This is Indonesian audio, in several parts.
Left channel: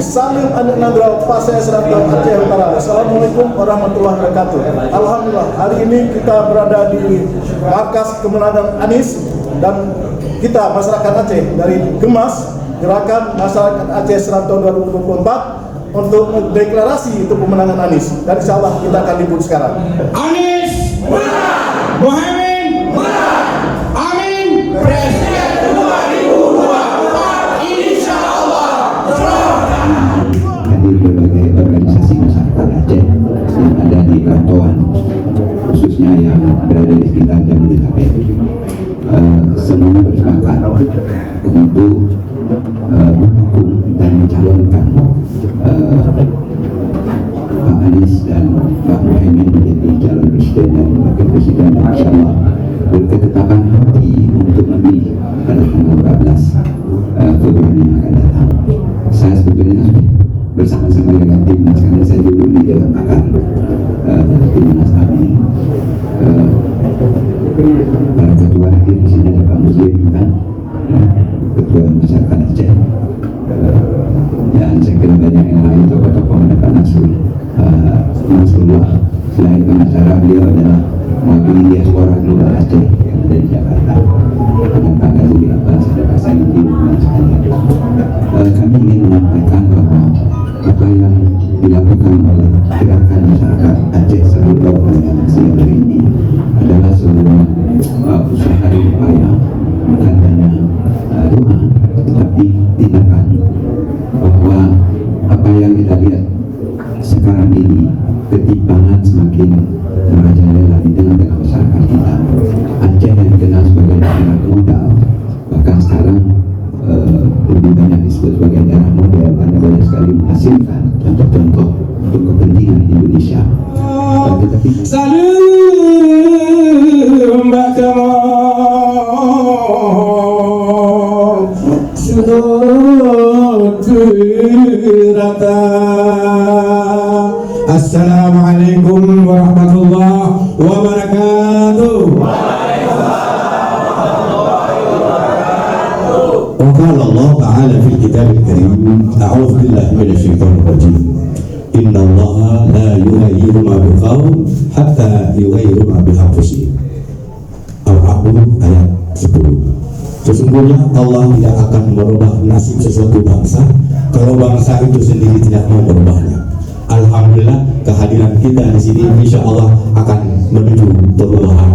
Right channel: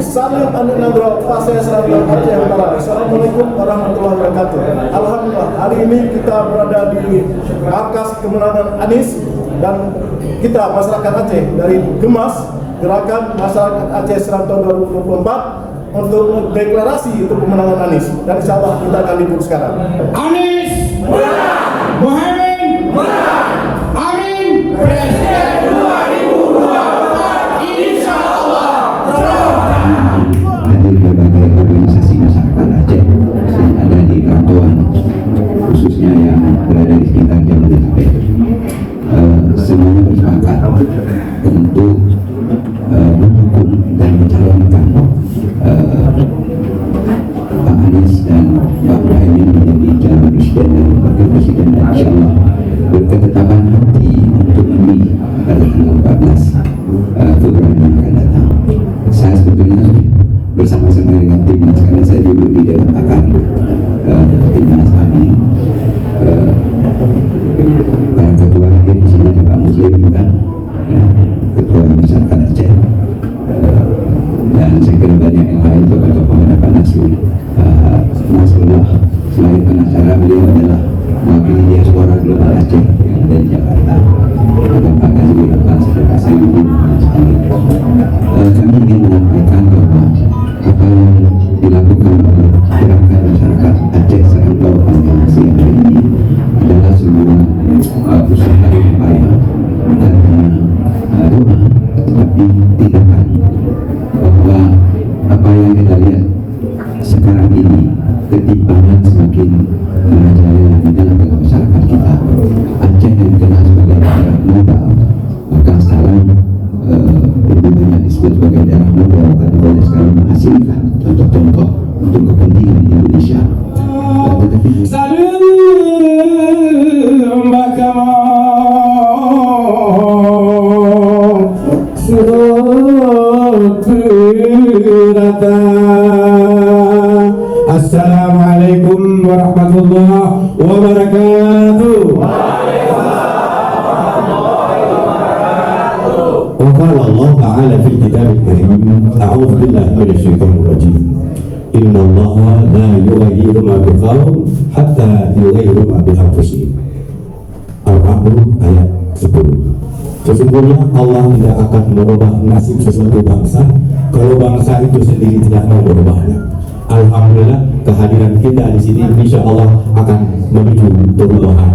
Salim Anu Nandro Pasai Serantau Aceh Utara. Assalamualaikum warahmatullahi wabarakatuh. Alhamdulillah, hari ini kita berada di markas kemenangan Anies dan kita masyarakat Aceh dari Gemas, Gerakan Masyarakat Aceh Serantau 2024 untuk deklarasi untuk pemenangan Anies. Dan insya Allah kita akan libur sekarang. Anies menang, Muhaimin menang, Amin Presiden 2024 insya Allah. Hadir berbagai organisasi masyarakat Aceh ada di perantauan, khususnya yang berada di sekitar Jabodetabek. Semuanya bersepakat untuk mendukung dan mencalonkan Pak Anies dan Pak Muhaimin menjadi calon presiden dan wakil presiden, dan insya Allah berketetapan hati untuk memilih pada tanggal 14 Februari yang akan datang. Saya sebetulnya bersama-sama dengan timnas, karena saya dulu di Dewan Pakar timnas kami. Para ketua hadir di sini ada Pak Muslim juga, ketua masyarakat Aceh, dan saya kira banyak yang lain, tokoh-tokoh, ada Pak Nasrullah. Selain pengacara, beliau adalah mewakili diaspora global Aceh yang ada di Jakarta, dan Pak Ghazali Abbas, Pak Sayyidu. Kami ingin menyampaikan bahwa apa yang dilakukan oleh gerakan masyarakat Aceh Serantau Organisasi hari ini adalah sebuah usaha yang payah dan doa, tetapi tindakan, bahwa apa yang kita lihat sekarang ini, ketimpangan semakin merajalela di dalam masyarakat kita. Aceh yang dikenal sebagai daerah modal, bahkan sekarang lebih banyak disebut sebagai daerah modal karena banyak sekali menghasilkan contoh-contoh untuk kepentingan Indonesia. Tetapi Salam Bakamal Surutirata. Assalamualaikum warahmatullahi wabarakatuh. وقال الله تعالى في الكتاب الكريم أعوذ بالله من الشيطان الرجيم إن الله لا يغير ما بقوم حتى يغيروا ما بأنفسهم. Al-A'raf ayat 10. Sesungguhnya Allah tidak akan merubah nasib sesuatu bangsa kalau bangsa itu sendiri tidak mau merubahnya. Alhamdulillah, kehadiran kita di sini insya Allah akan menuju perubahan.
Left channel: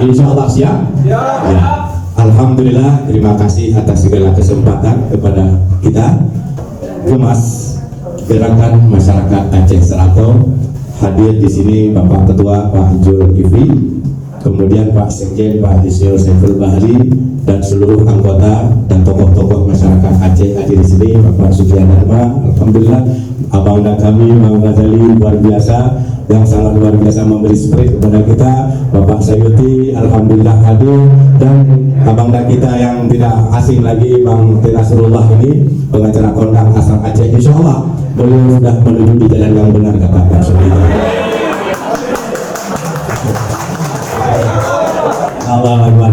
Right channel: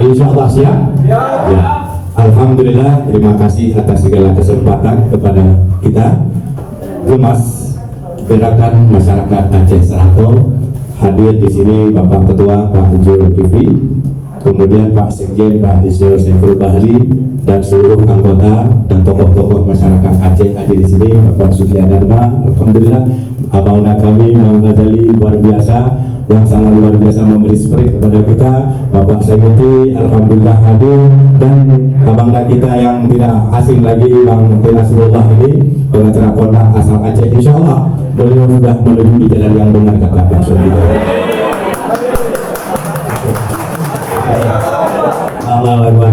Insya Allah siap? Ya. Alhamdulillah, terima kasih atas segala kesempatan kepada kita Gemas, Gerakan Masyarakat Aceh Serantau. Hadir di sini Bapak Ketua Pak Zulkifli, kemudian Pak Sekjen Pak Ismail Saiful Bahri, dan seluruh anggota dan tokoh-tokoh masyarakat Aceh hadir di sini. Bapak Sufianarma, alhamdulillah, abangna kami Bang Ghazali luar biasa, yang sangat luar biasa memberi spirit kepada kita. Bapak Sayyidi alhamdulillah hadir, dan abangna kita yang tidak asing lagi Bang Nasrullah ini, pengacara kondang asal Aceh. Insya Allah beliau sudah menuju di jalan yang benar, kata Pak Sayyidi.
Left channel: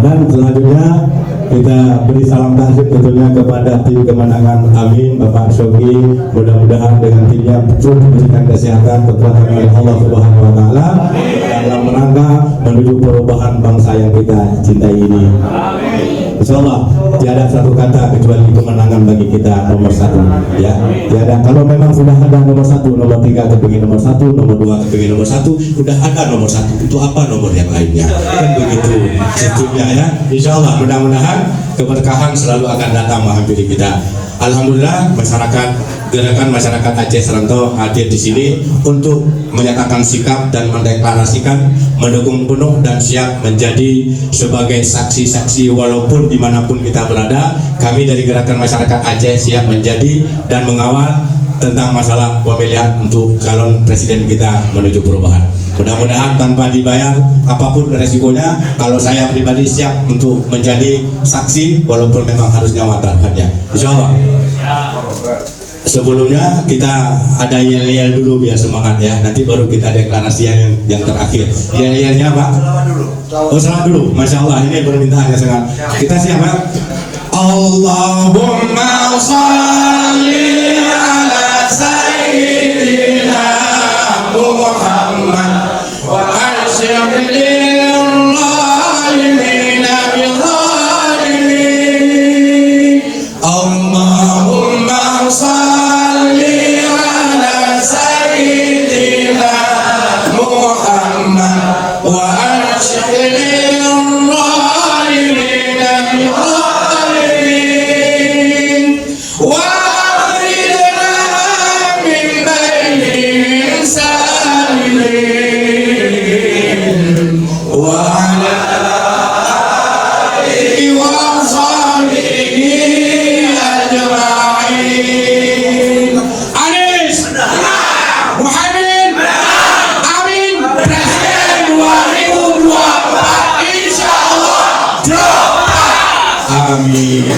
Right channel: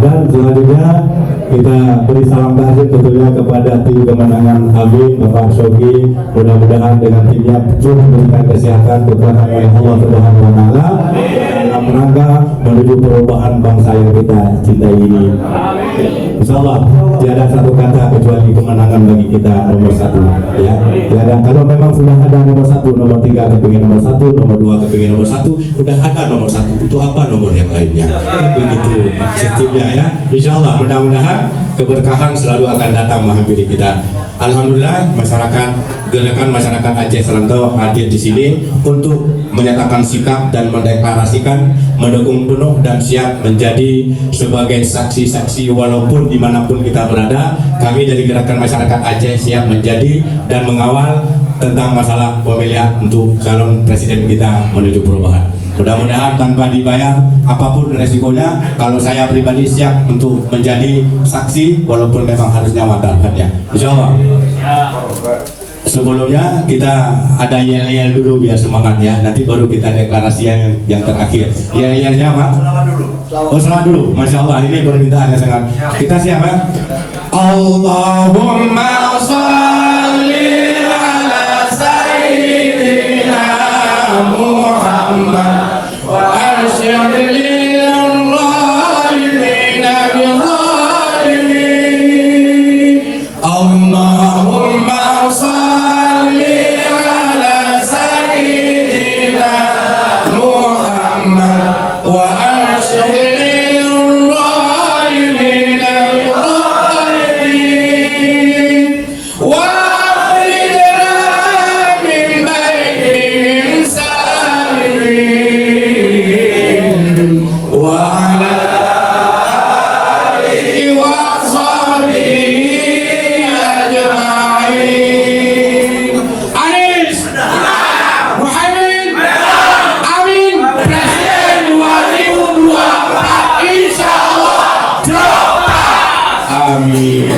Dan selanjutnya kita beri salam tahniah tentunya kepada tim kemenangan Amin, Bapak Shoki. Mudah-mudahan dengan timnya betul memberikan kesehatan, kekuatan oleh Allah Subhanahu Wa Taala dalam rangka menuju perubahan bangsa yang kita cintai ini. Insyaallah tiada satu kata kecuali kemenangan bagi kita nomor satu, ya. Tiada, kalau memang sudah ada nomor satu, nomor tiga kepingin nomor satu, nomor dua kepingin nomor satu, sudah ada nomor satu, untuk apa nomor yang lainnya? Kan begitu sistemnya, ya. Insyaallah mudah-mudahan keberkahan selalu akan datang menghampiri kita. Alhamdulillah, masyarakat Gerakan Masyarakat Aceh Serantau hadir di sini untuk menyatakan sikap dan mendeklarasikan mendukung penuh dan siap menjadi sebagai saksi-saksi walaupun dimanapun kita berada. Kami dari Gerakan Masyarakat Aceh siap menjadi dan mengawal tentang masalah pemilihan untuk calon presiden kita menuju perubahan. Mudah-mudahan tanpa dibayar apapun resikonya, kalau saya pribadi siap untuk menjadi saksi walaupun memang harusnya watarhannya. Insya Allah. Sebelumnya kita ada yel-yel dulu biar semangat, ya. Nanti baru kita deklarasi yang terakhir. Yel-yelnya Pak? Oh, selamat dulu. Masya Allah, ini permintaan yang sangat. Kita siap, Pak? Allahumma salli ala sayyidina Muhammad wa arsyid lil zalimina bil zalimin. Allahumma salli ala sayyidina Muhammad wa arsyid lil zalimina bil zalimin. Wa akhrijna min bainihim salimin. Wa ala alihi wa sahbihi ajma'in. Anies, Muhaimin, Amin, Presiden 2024 insyaallah. Amin.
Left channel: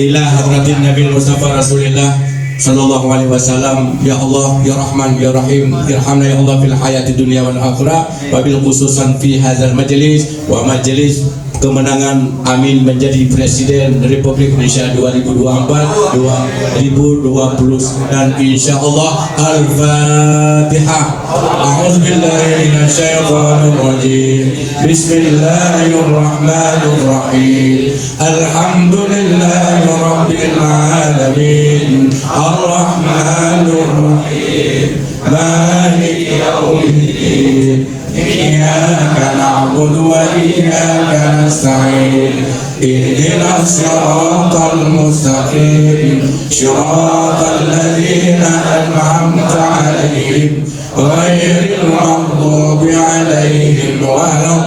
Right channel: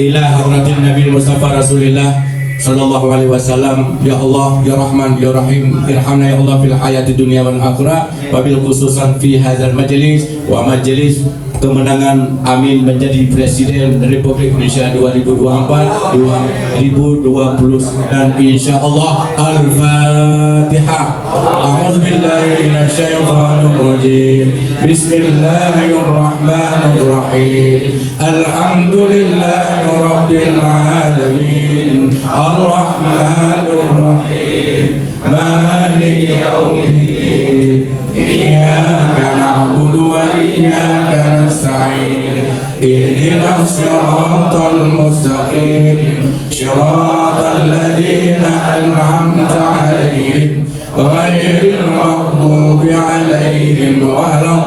Ila hadratin Nabi Mustafa Rasulillah sallallahu alaihi wasallam. Ya Allah, ya Rahman, ya Rahim, irhamna ya Allah fil hayati dunya wal akhirah, wabil khususan fi hadzal majlis wa majlis kemenangan Amin menjadi Presiden Republik Indonesia 2024-2020 dan insyaallah. Al-Fatihah. A'udzubillahi minasyaitonir rajim. Bismillahirrahmanirrahim. Alhamdulillahi rabbil alamin. Ar-Rahmanir Rahim. Maliki yaumiddin. Iyyaka na'budu wa iyyaka nasta'in. Ihdinas siratal mustaqim. Siratal ladzina an'amta 'alaihim ghairil maghdubi 'alaihim waladdallin.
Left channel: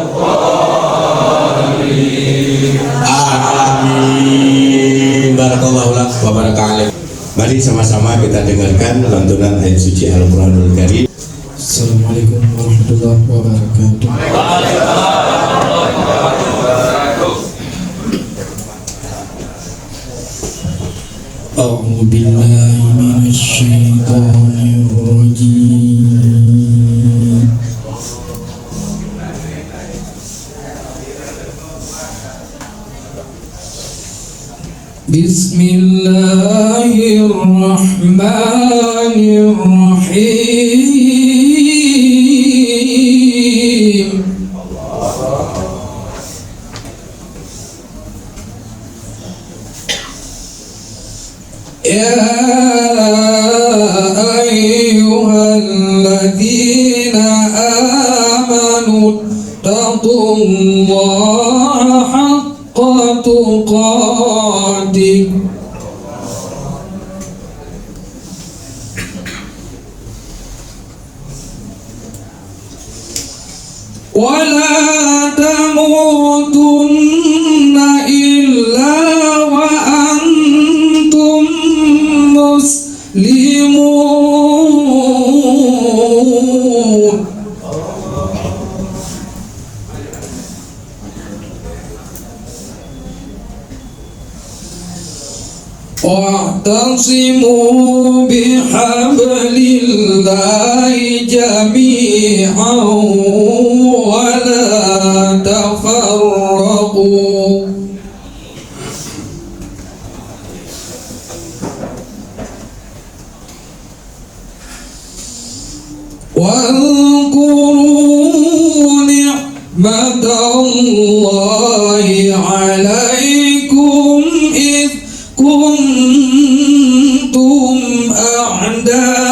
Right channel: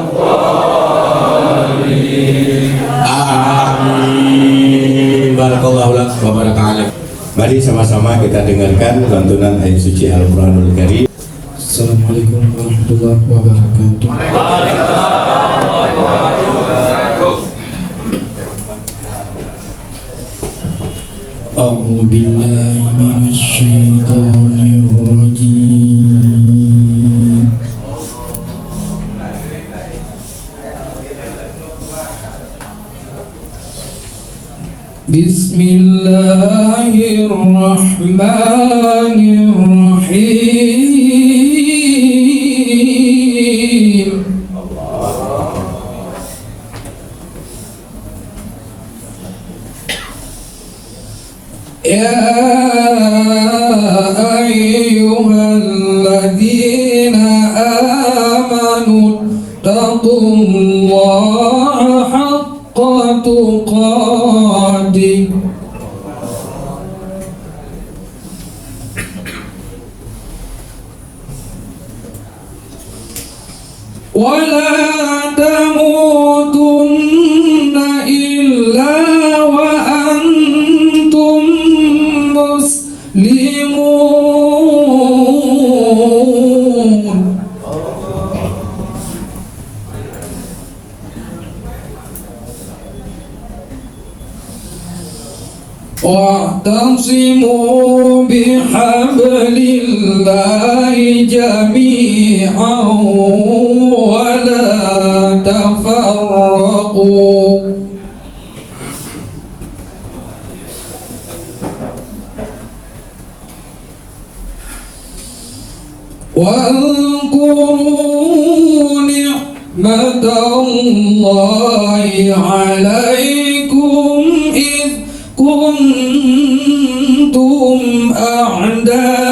Amin. Barakallahu lak wa baraka alaik. Mari sama-sama kita dengarkan lantunan ayat suci Al-Quranul Karim. Assalamualaikum warahmatullahi wabarakatuh. A'udzu billahi minasy syaithanir rajim. Bismillahirrahmanirrahim. Ya ayyuhalladzina amanu taqullaha haqqa tuqatih wa la tamutunna illa wa antum muslimun. Wa'tasimu bihablillahi jami'an wa la tafarraqu. Wadhkuru ni'matallahi 'alaikum idh kuntum a'daa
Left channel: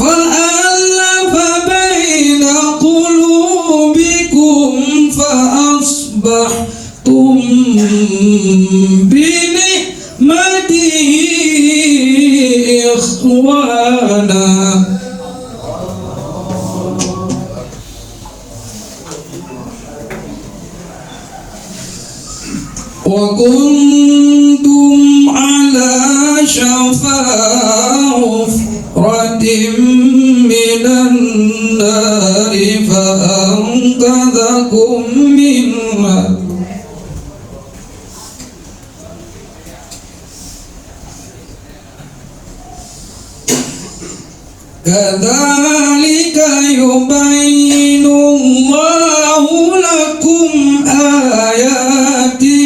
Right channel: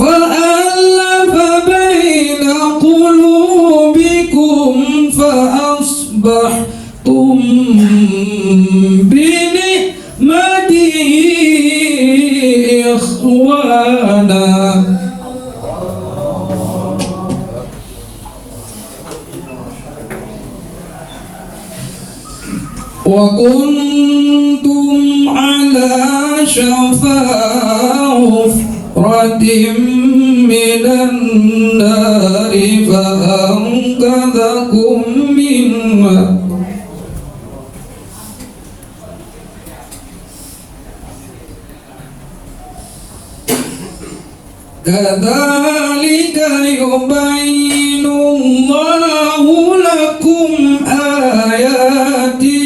fa'alafa baina qulubikum fa'asbahtum bini'matihi ikhwana. Wa kuntum ala shafa hufratin minan nari fa'anqadhakum minha. Kadzalika yubayyinullahu lakum ayati.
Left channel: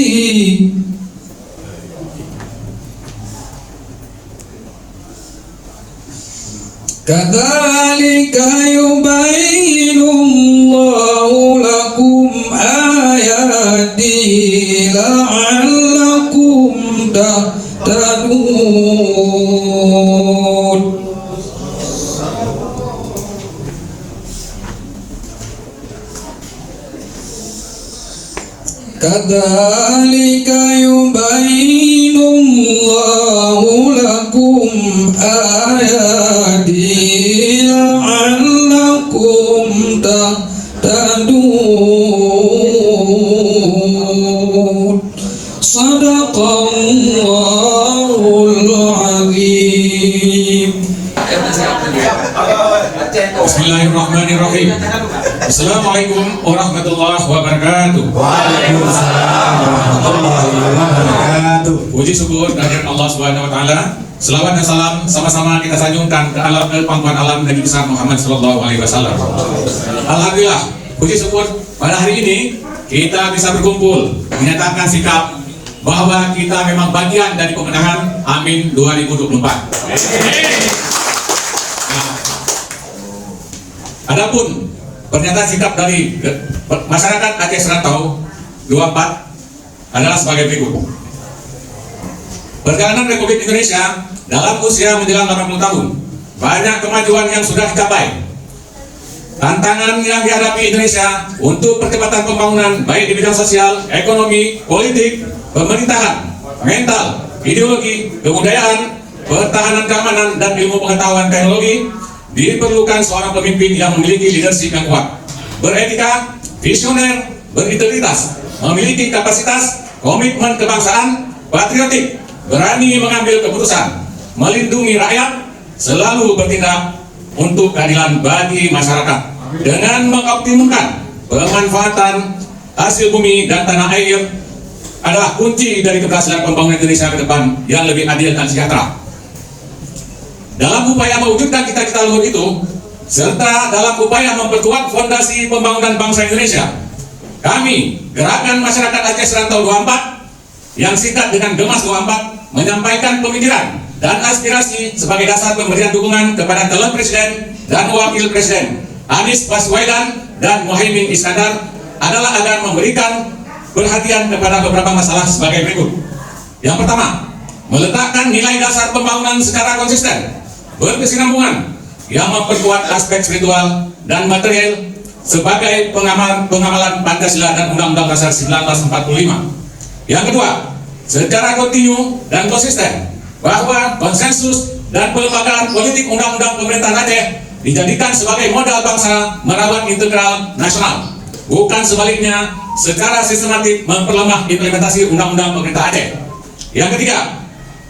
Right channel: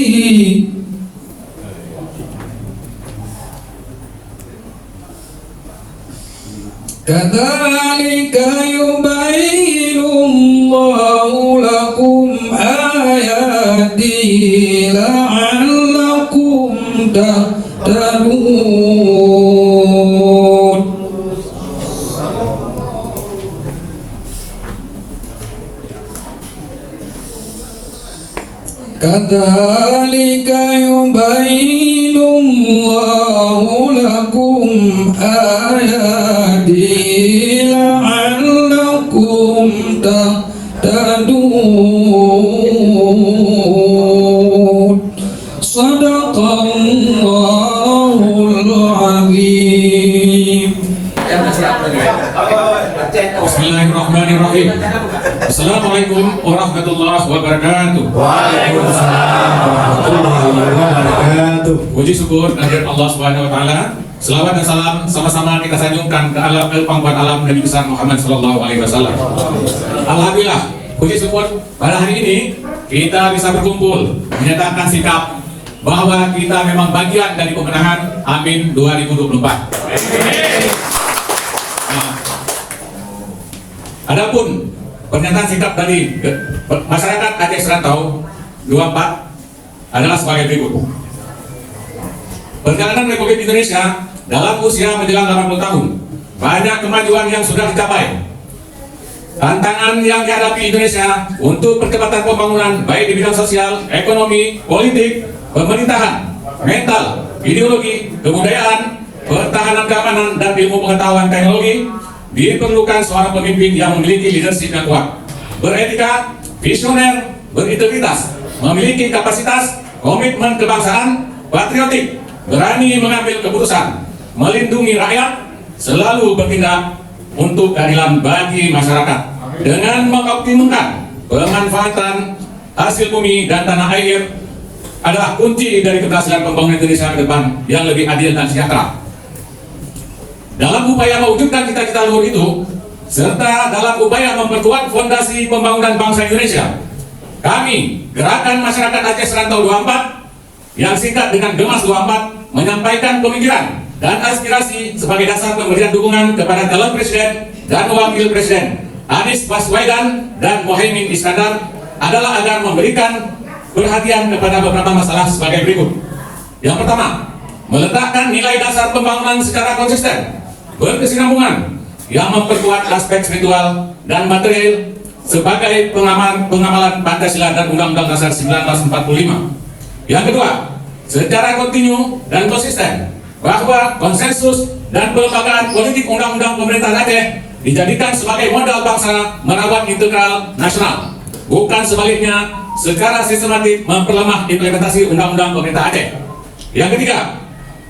Kadzalika yubayyinullahu lakum ayati la'allakum tahtadun. Kadzalika yubayyinullahu lakum ayati la'allakum tahtadun. Shadaqallahul azim. Bismillahirrahmanirrahim. Assalamualaikum warahmatullahi wabarakatuh. Waalaikumsalam warahmatullahi wabarakatuh. Puji syukur kehadirat Allah Subhanahu wa taala. Selawat dan salam sama-sama kita sanjungkan ke alam pangkuan alam Nabi besar Muhammad sallallahu alaihi wasallam. Alhamdulillah, puji syukur pada hari ini kita bisa berkumpul menyatakan sikap bahwa kita memang bagian dari pemenangan Amin 2024. Adapun pernyataan sikap dari masyarakat Aceh Serantau 24 adalah sebagai berikut. Perjalanan Republik Indonesia dalam usia menjelang 80 tahun, banyak kemajuan yang sudah dicapai. Tantangan yang dihadapi Indonesia untuk percepatan pembangunan baik di bidang sosial, ekonomi, politik, pemerintahan, mental, ideologi, kebudayaan, pertahanan keamanan, dan ilmu pengetahuan teknologi, diperlukan seorang pemimpin yang memiliki leadership yang kuat, beretika, visioner, berintegritas, memiliki kapasitas, komitmen kebangsaan, patriotik, berani mengambil keputusan, melindungi rakyat, selalu bertindak untuk keadilan bagi masyarakat, dengan mengoptimumkan pemanfaatan hasil bumi dan tanah air adalah kunci dari keberhasilan pembangunan Indonesia ke depan yang lebih adil dan sejahtera. Dalam upaya mewujudkan cita-cita luhur itu, serta dalam upaya memperkuat fondasi pembangunan bangsa Indonesia, kami, Gerakan Masyarakat Aceh Serantau 24, yang singkat dengan Gemas 24, menyampaikan pemikiran dan aspirasi sebagai dasar pemberian dukungan kepada calon presiden dan wakil presiden Anies Baswedan dan Muhaimin Iskandar adalah agar memberikan perhatian kepada beberapa masalah sebagai berikut. Yang pertama, meletakkan nilai dasar pembangunan secara konsisten, berkesinambungan, yang memperkuat aspek spiritual dan material sebagai pengamalan Pancasila dan Undang-Undang Dasar 1945. Yang kedua, secara kontinu dan konsisten bahwa konsensus dan pelembagaan politik undang-undang pemerintahan Aceh dijadikan sebagai modal bangsa merawat integral nasional, bukan sebaliknya secara sistematik memperlemah implementasi undang-undang pemerintah Aceh. Yang ketiga,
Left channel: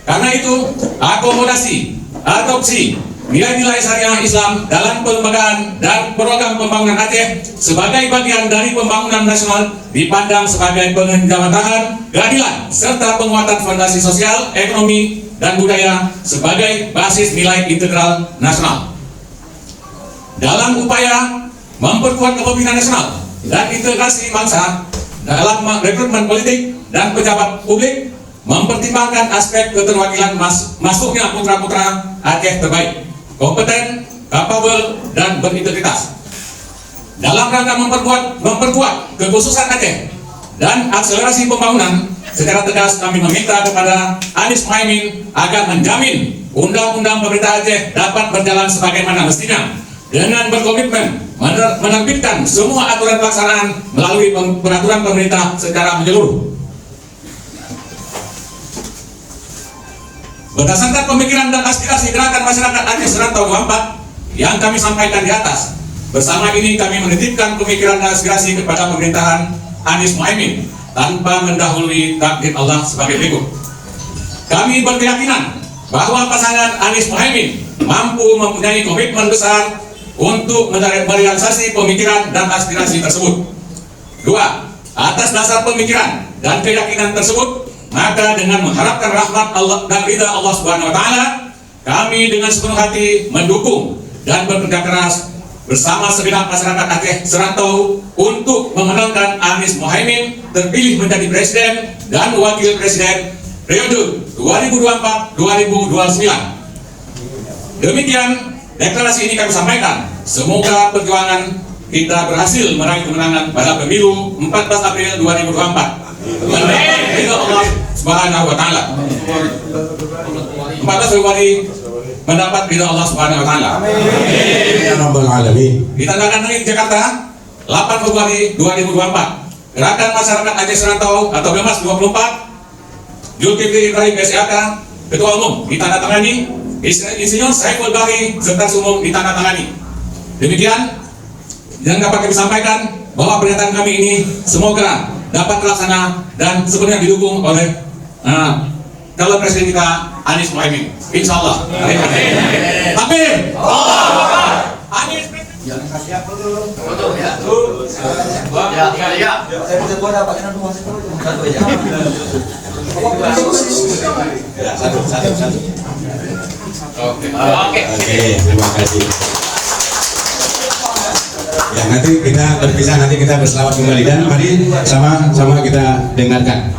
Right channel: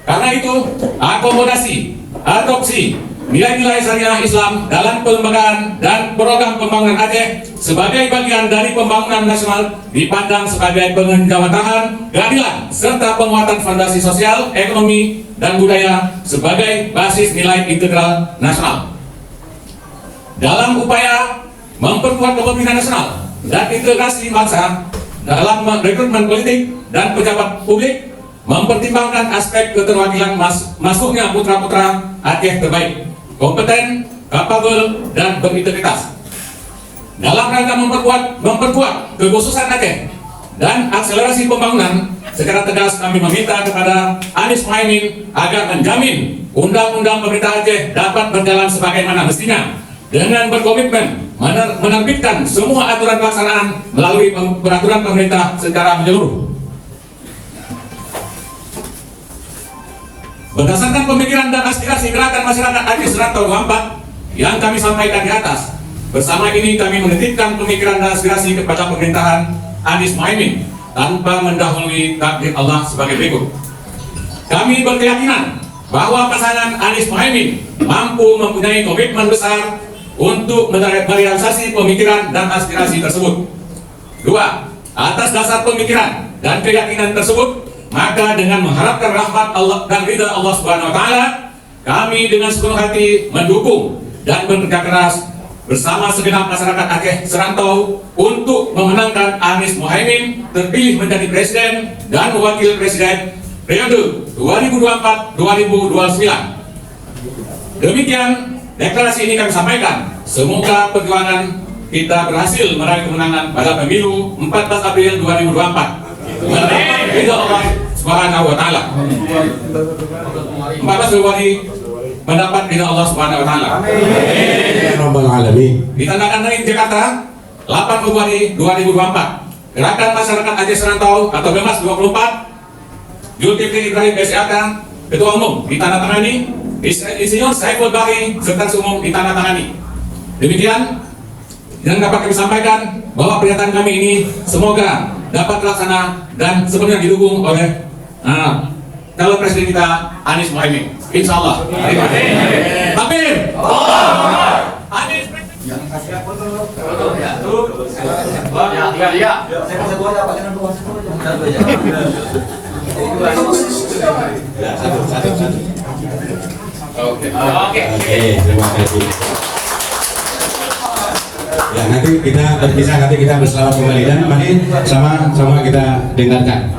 karena itu akomodasi, adopsi nilai-nilai syariah Islam dalam pelembagaan dan program pembangunan Aceh sebagai bagian dari pembangunan nasional dipandang sebagai penjawatan keadilan serta penguatan fondasi sosial, ekonomi, dan budaya sebagai basis nilai integral nasional. Dalam upaya memperkuat kepemimpinan nasional dan integrasi bangsa dalam rekrutmen politik dan pejabat publik, mempertimbangkan aspek keterwakilan masuknya putra-putra Aceh terbaik, kompeten, kapabel, dan berintegritas. Dalam rangka memperkuat kekhususan Aceh dan akselerasi pembangunan, secara tegas kami meminta kepada Anies Muhaimin agar menjamin undang-undang pemerintah Aceh dapat berjalan sebagaimana mestinya, dengan berkomitmen menerbitkan semua aturan pelaksanaan melalui peraturan pemerintah secara menyeluruh. Berdasarkan pemikiran dan aspirasi Gerakan Masyarakat Aceh Serantau 24 yang kami sampaikan di atas, bersama ini kami menitipkan pemikiran dan aspirasi kepada pemerintahan Anies Muhaimin tanpa mendahului takdir Allah sebagai berikut. Kami berkeyakinan bahwa pasangan Anies Muhaimin mampu mempunyai komitmen besar untuk merealisasi pemikiran dan aspirasi tersebut. 2. Atas dasar pemikiran dan keyakinan tersebut, maka dengan mengharapkan rahmat Allah dan ridha Allah Subhanahu wa taala, kami dengan sepenuh hati mendukung dan bekerja keras bersama segenap masyarakat Aceh Serantau untuk memenangkan Anies Mohaimin terpilih menjadi presiden dan wakil presiden periode 2024-2029. Demikian deklarasi ini kami sampaikan. Semoga perjuangan kita berhasil meraih kemenangan pada pemilu 14 April 2024. Mendapat ridha Allah Subhanahu wa taala. 14 Februari mendapat ridha Allah Subhanahu wa taala. Ya Rabbal Alamin. Ditandatangani Jakarta 8 Februari 2024. Gerakan Masyarakat Aceh Serantau atau GEMAS 24. Zulkifli Ibrahim SIAK Ketua Umum ditandatangani. Insinyur Saiful Bahri Sekretaris Umum ditandatangani. Demikian yang dapat kami sampaikan bahwa pernyataan kami ini semoga dapat terlaksana dan sepenuhnya didukung oleh calon presiden kita Anies Mohaimin. Insya Allah. Takbir. Anies Oke, terima kasih. Ya, nanti kita berpisah, nanti kita berselawat kembali dan mari sama-sama kita dengarkan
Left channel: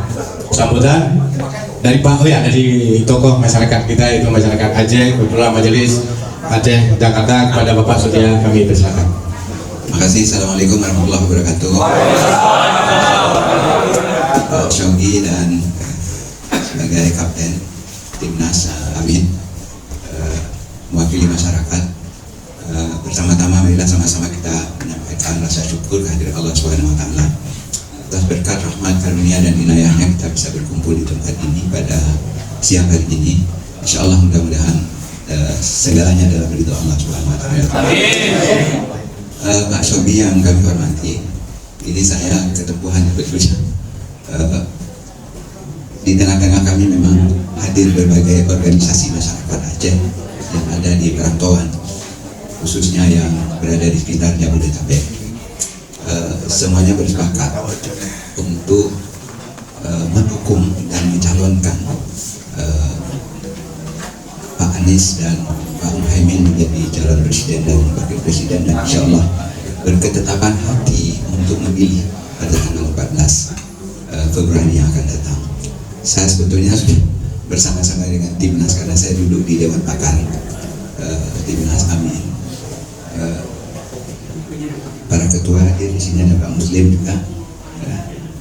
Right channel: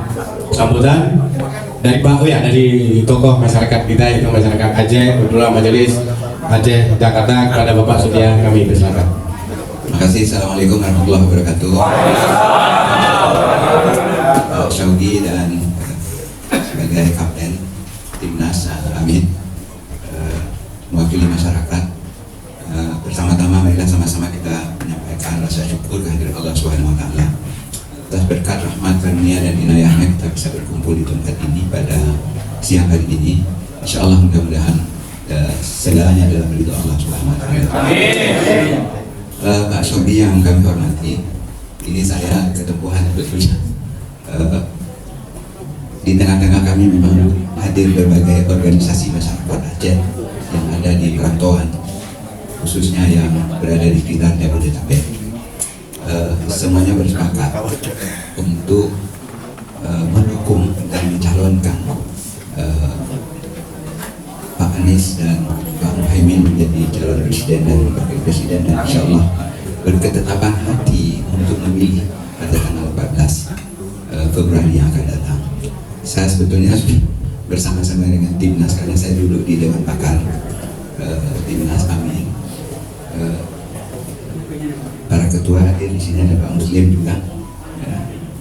sambutan dari Pak dari tokoh masyarakat kita yaitu masyarakat Aceh, Ketua Majelis Aceh Jakarta kepada Bapak Sudia kami persilakan. Terima kasih. Assalamualaikum warahmatullahi wabarakatuh. Shogi dan sebagai kapten timnas Amin mewakili masyarakat, pertama-tama marilah sama-sama kita menyampaikan rasa syukur kehadirat Allah Subhanahu wa taala atas berkat rahmat karunia dan inayahnya kita bisa berkumpul di tempat ini pada siang hari ini. Insyaallah mudah-mudahan segalanya dalam ridho Allah Subhanahu wa taala. Pak Shobi yang kami hormati, ini saya ketempuhan berbeda. Di tengah-tengah kami memang hadir berbagai organisasi masyarakat Aceh yang ada di perantauan, khususnya yang berada di sekitar Jabodetabek. Semuanya bersepakat untuk mendukung dan mencalonkan Pak Anies dan Pak Mohaimin menjadi calon presiden dan wakil presiden, dan insya Allah berketetapan hati untuk memilih pada tanggal 14 Februari yang akan datang. Saya sebetulnya bersama-sama dengan timnas karena saya duduk di Dewan Pakar timnas Amin. Para ketua hadir di sini, ada Pak Muslim juga,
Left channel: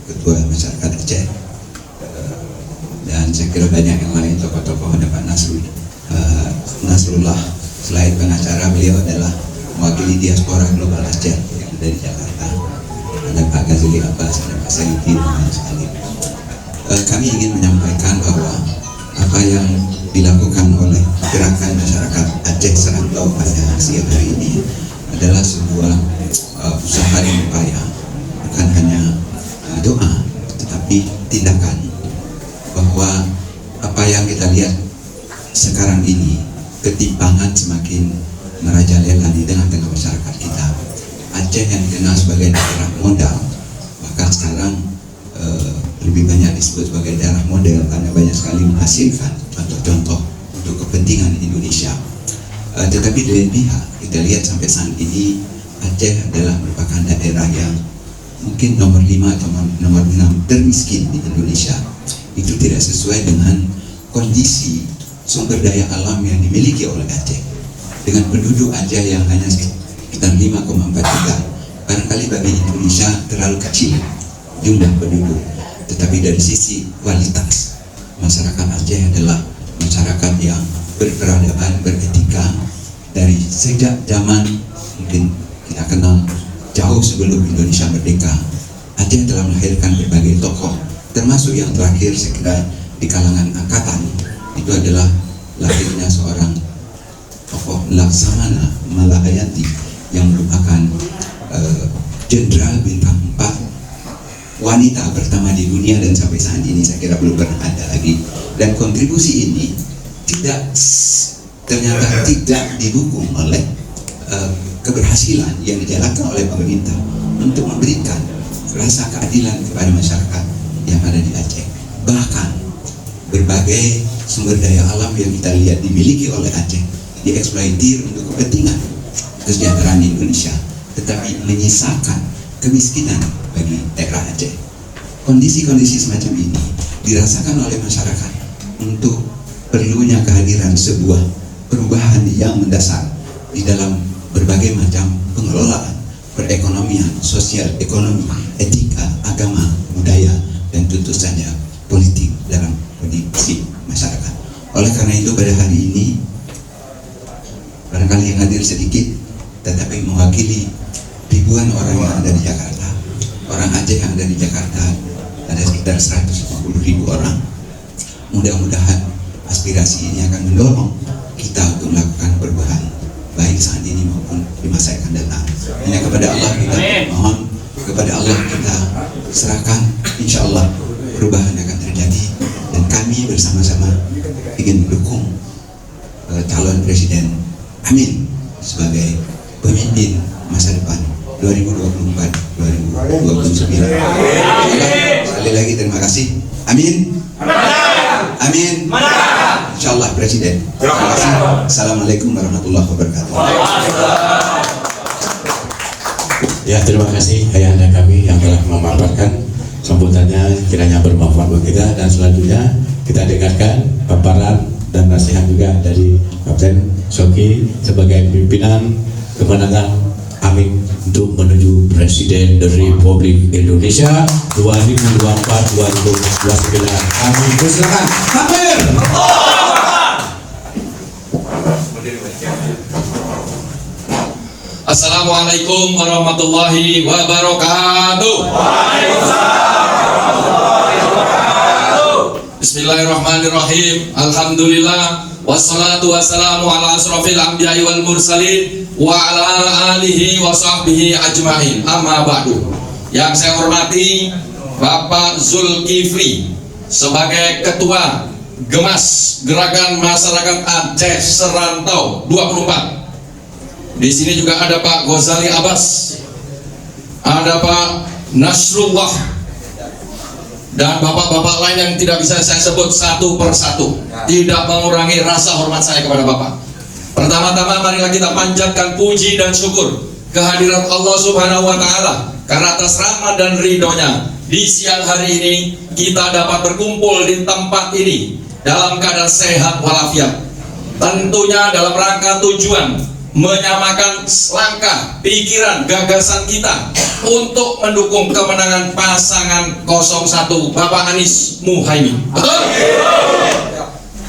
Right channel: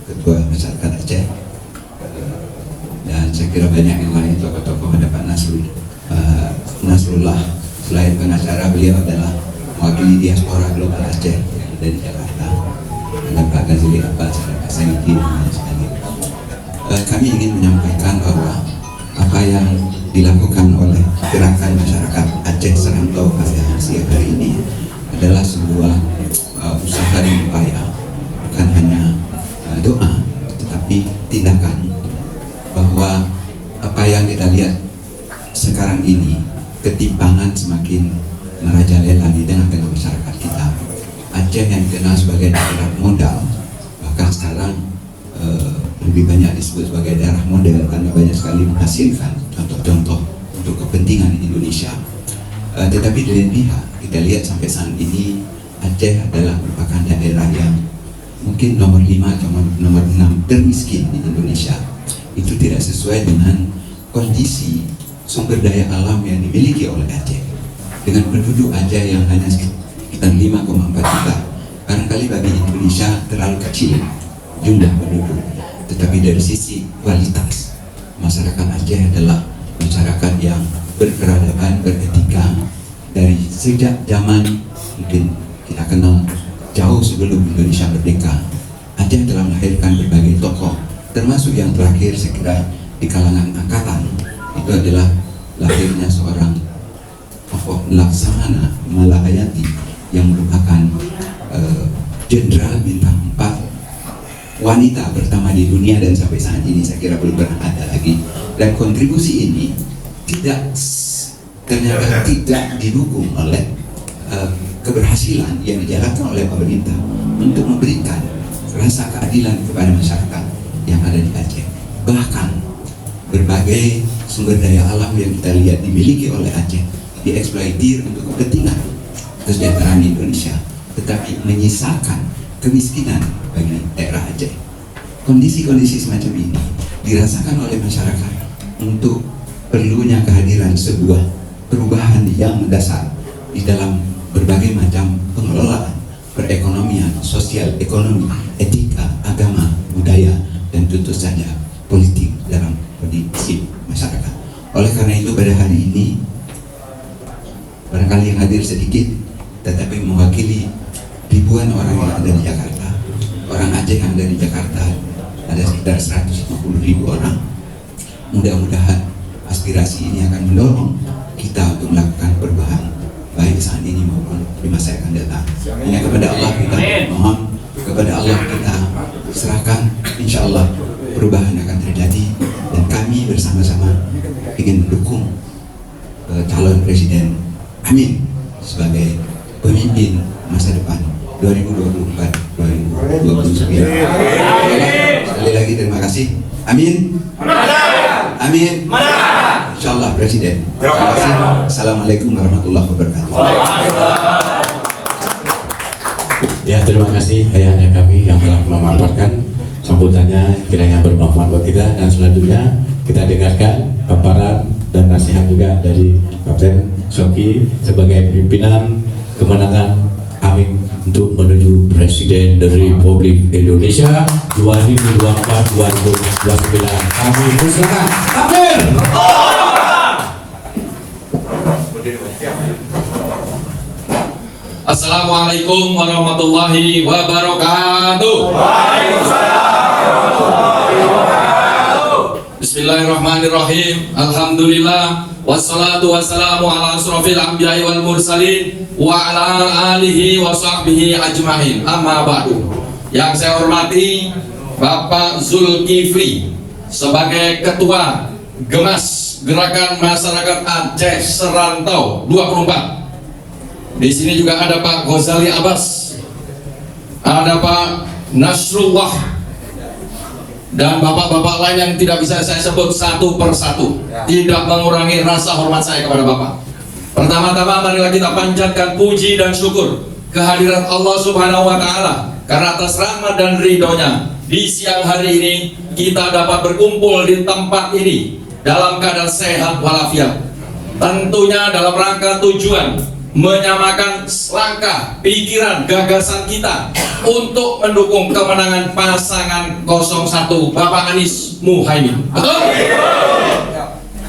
ketua masyarakat Aceh, dan saya kira banyak yang lain tokoh-tokoh. Ada Pak Nasrullah, selain pengacara beliau adalah mewakili diaspora global Aceh yang ada di Jakarta. Ada Pak Ghazali Abbas, ada Pak Sayyidi, dan lain sekali. Kami ingin menyampaikan bahwa apa yang dilakukan oleh gerakan masyarakat Aceh Serantau pada siang hari ini adalah sebuah usaha dan upaya, bukan hanya doa tetapi tindakan, bahwa apa yang kita lihat sekarang ini, ketimpangan semakin merajalela di tengah-tengah masyarakat kita. Aceh yang dikenal sebagai daerah modal, bahkan sekarang lebih banyak disebut sebagai daerah model karena banyak sekali menghasilkan contoh-contoh untuk kepentingan Indonesia. Tetapi di lain pihak kita lihat sampai saat ini Aceh adalah merupakan daerah yang mungkin nomor 5 atau nomor 6 termiskin di Indonesia. Itu tidak sesuai dengan kondisi sumber daya alam yang dimiliki oleh Aceh. Dengan penduduk Aceh yang hanya sekitar 5,4 juta, barangkali bagi Indonesia terlalu kecil jumlah penduduk. Tetapi dari sisi kualitas, masyarakat Aceh adalah masyarakat yang berperadaban, beretika. Dari sejak zaman mungkin kita kenal jauh sebelum Indonesia merdeka, Aceh telah melahirkan berbagai tokoh, termasuk yang terakhir saya kira di kalangan angkatan itu adalah lahirnya seorang tokoh Laksamana Malahayati yang merupakan jenderal bintang 4, wanita pertama di dunia, dan sampai saat ini saya kira belum pernah ada lagi. Dan kontribusi ini ternyata tidak didukung oleh keberhasilan yang dijalankan oleh pemerintah untuk memberikan rasa keadilan kepada masyarakat yang ada di Aceh. Bahkan berbagai sumber daya alam yang kita lihat dimiliki oleh Aceh dieksploitir untuk kepentingan kesejahteraan di Indonesia, tetapi menyisakan kemiskinan bagi daerah Aceh. Kondisi-kondisi semacam ini dirasakan oleh masyarakat untuk perlunya kehadiran sebuah perubahan yang mendasar di dalam berbagai macam pengelolaan perekonomian, sosial, ekonomi, etika, agama, budaya, dan tentu saja politik dalam kondisi masyarakat. Oleh karena itu pada hari ini barangkali yang hadir sedikit, tetapi mewakili ribuan orang yang ada di Jakarta. Orang Aceh yang ada di Jakarta ada sekitar 150.000 orang. Mudah-mudahan aspirasi ini akan mendorong kita untuk melakukan perubahan baik saat ini maupun di masa yang akan datang. Hanya kepada Allah kita mohon, kepada Allah kita serahkan, insya Allah perubahan akan terjadi, dan kami bersama-sama ingin mendukung calon presiden Amin sebagai pemimpin masa depan 2024-2029. Sekali lagi terima kasih. Amin. Amin. Insyaallah Presiden. Terima kasih. Assalamualaikum warahmatullahi wabarakatuh. Ya, terima kasih ayahanda kami yang telah memaparkan sambutannya, kiranya bermanfaat buat kita. Dan selanjutnya kita dengarkan paparan dan nasihat juga dari Kapten Shoki sebagai pimpinan kemenangan Amin untuk menuju Presiden dari Republik Indonesia 2024-2029. Amin. Silakan. Takbir. Assalamualaikum warahmatullahi wabarakatuh. Bismillahirrahmanirrahim. Alhamdulillah wassalatu wassalamu ala asrofil anbiya'i wal mursalin wa ala alihi wa sahbihi ajma'in. Amma ba'du. Yang saya hormati Bapak Zulkifli sebagai Ketua Gemas Gerakan Masyarakat Aceh Serantau 24. Di sini juga ada Pak Ghazali Abbas, ada Pak Nasrullah, dan bapak-bapak lain yang tidak bisa saya sebut satu persatu, tidak mengurangi rasa hormat saya kepada bapak. Pertama-tama marilah kita panjatkan puji dan syukur kehadirat Allah Subhanahu wa Ta'ala, karena atas rahmat dan ridhonya di siang hari ini kita dapat berkumpul di tempat ini dalam keadaan sehat walafiat. Tentunya dalam rangka tujuan menyamakan langkah, pikiran, gagasan kita untuk mendukung kemenangan pasangan 01 Bapak Anies Muhaimin. Betul?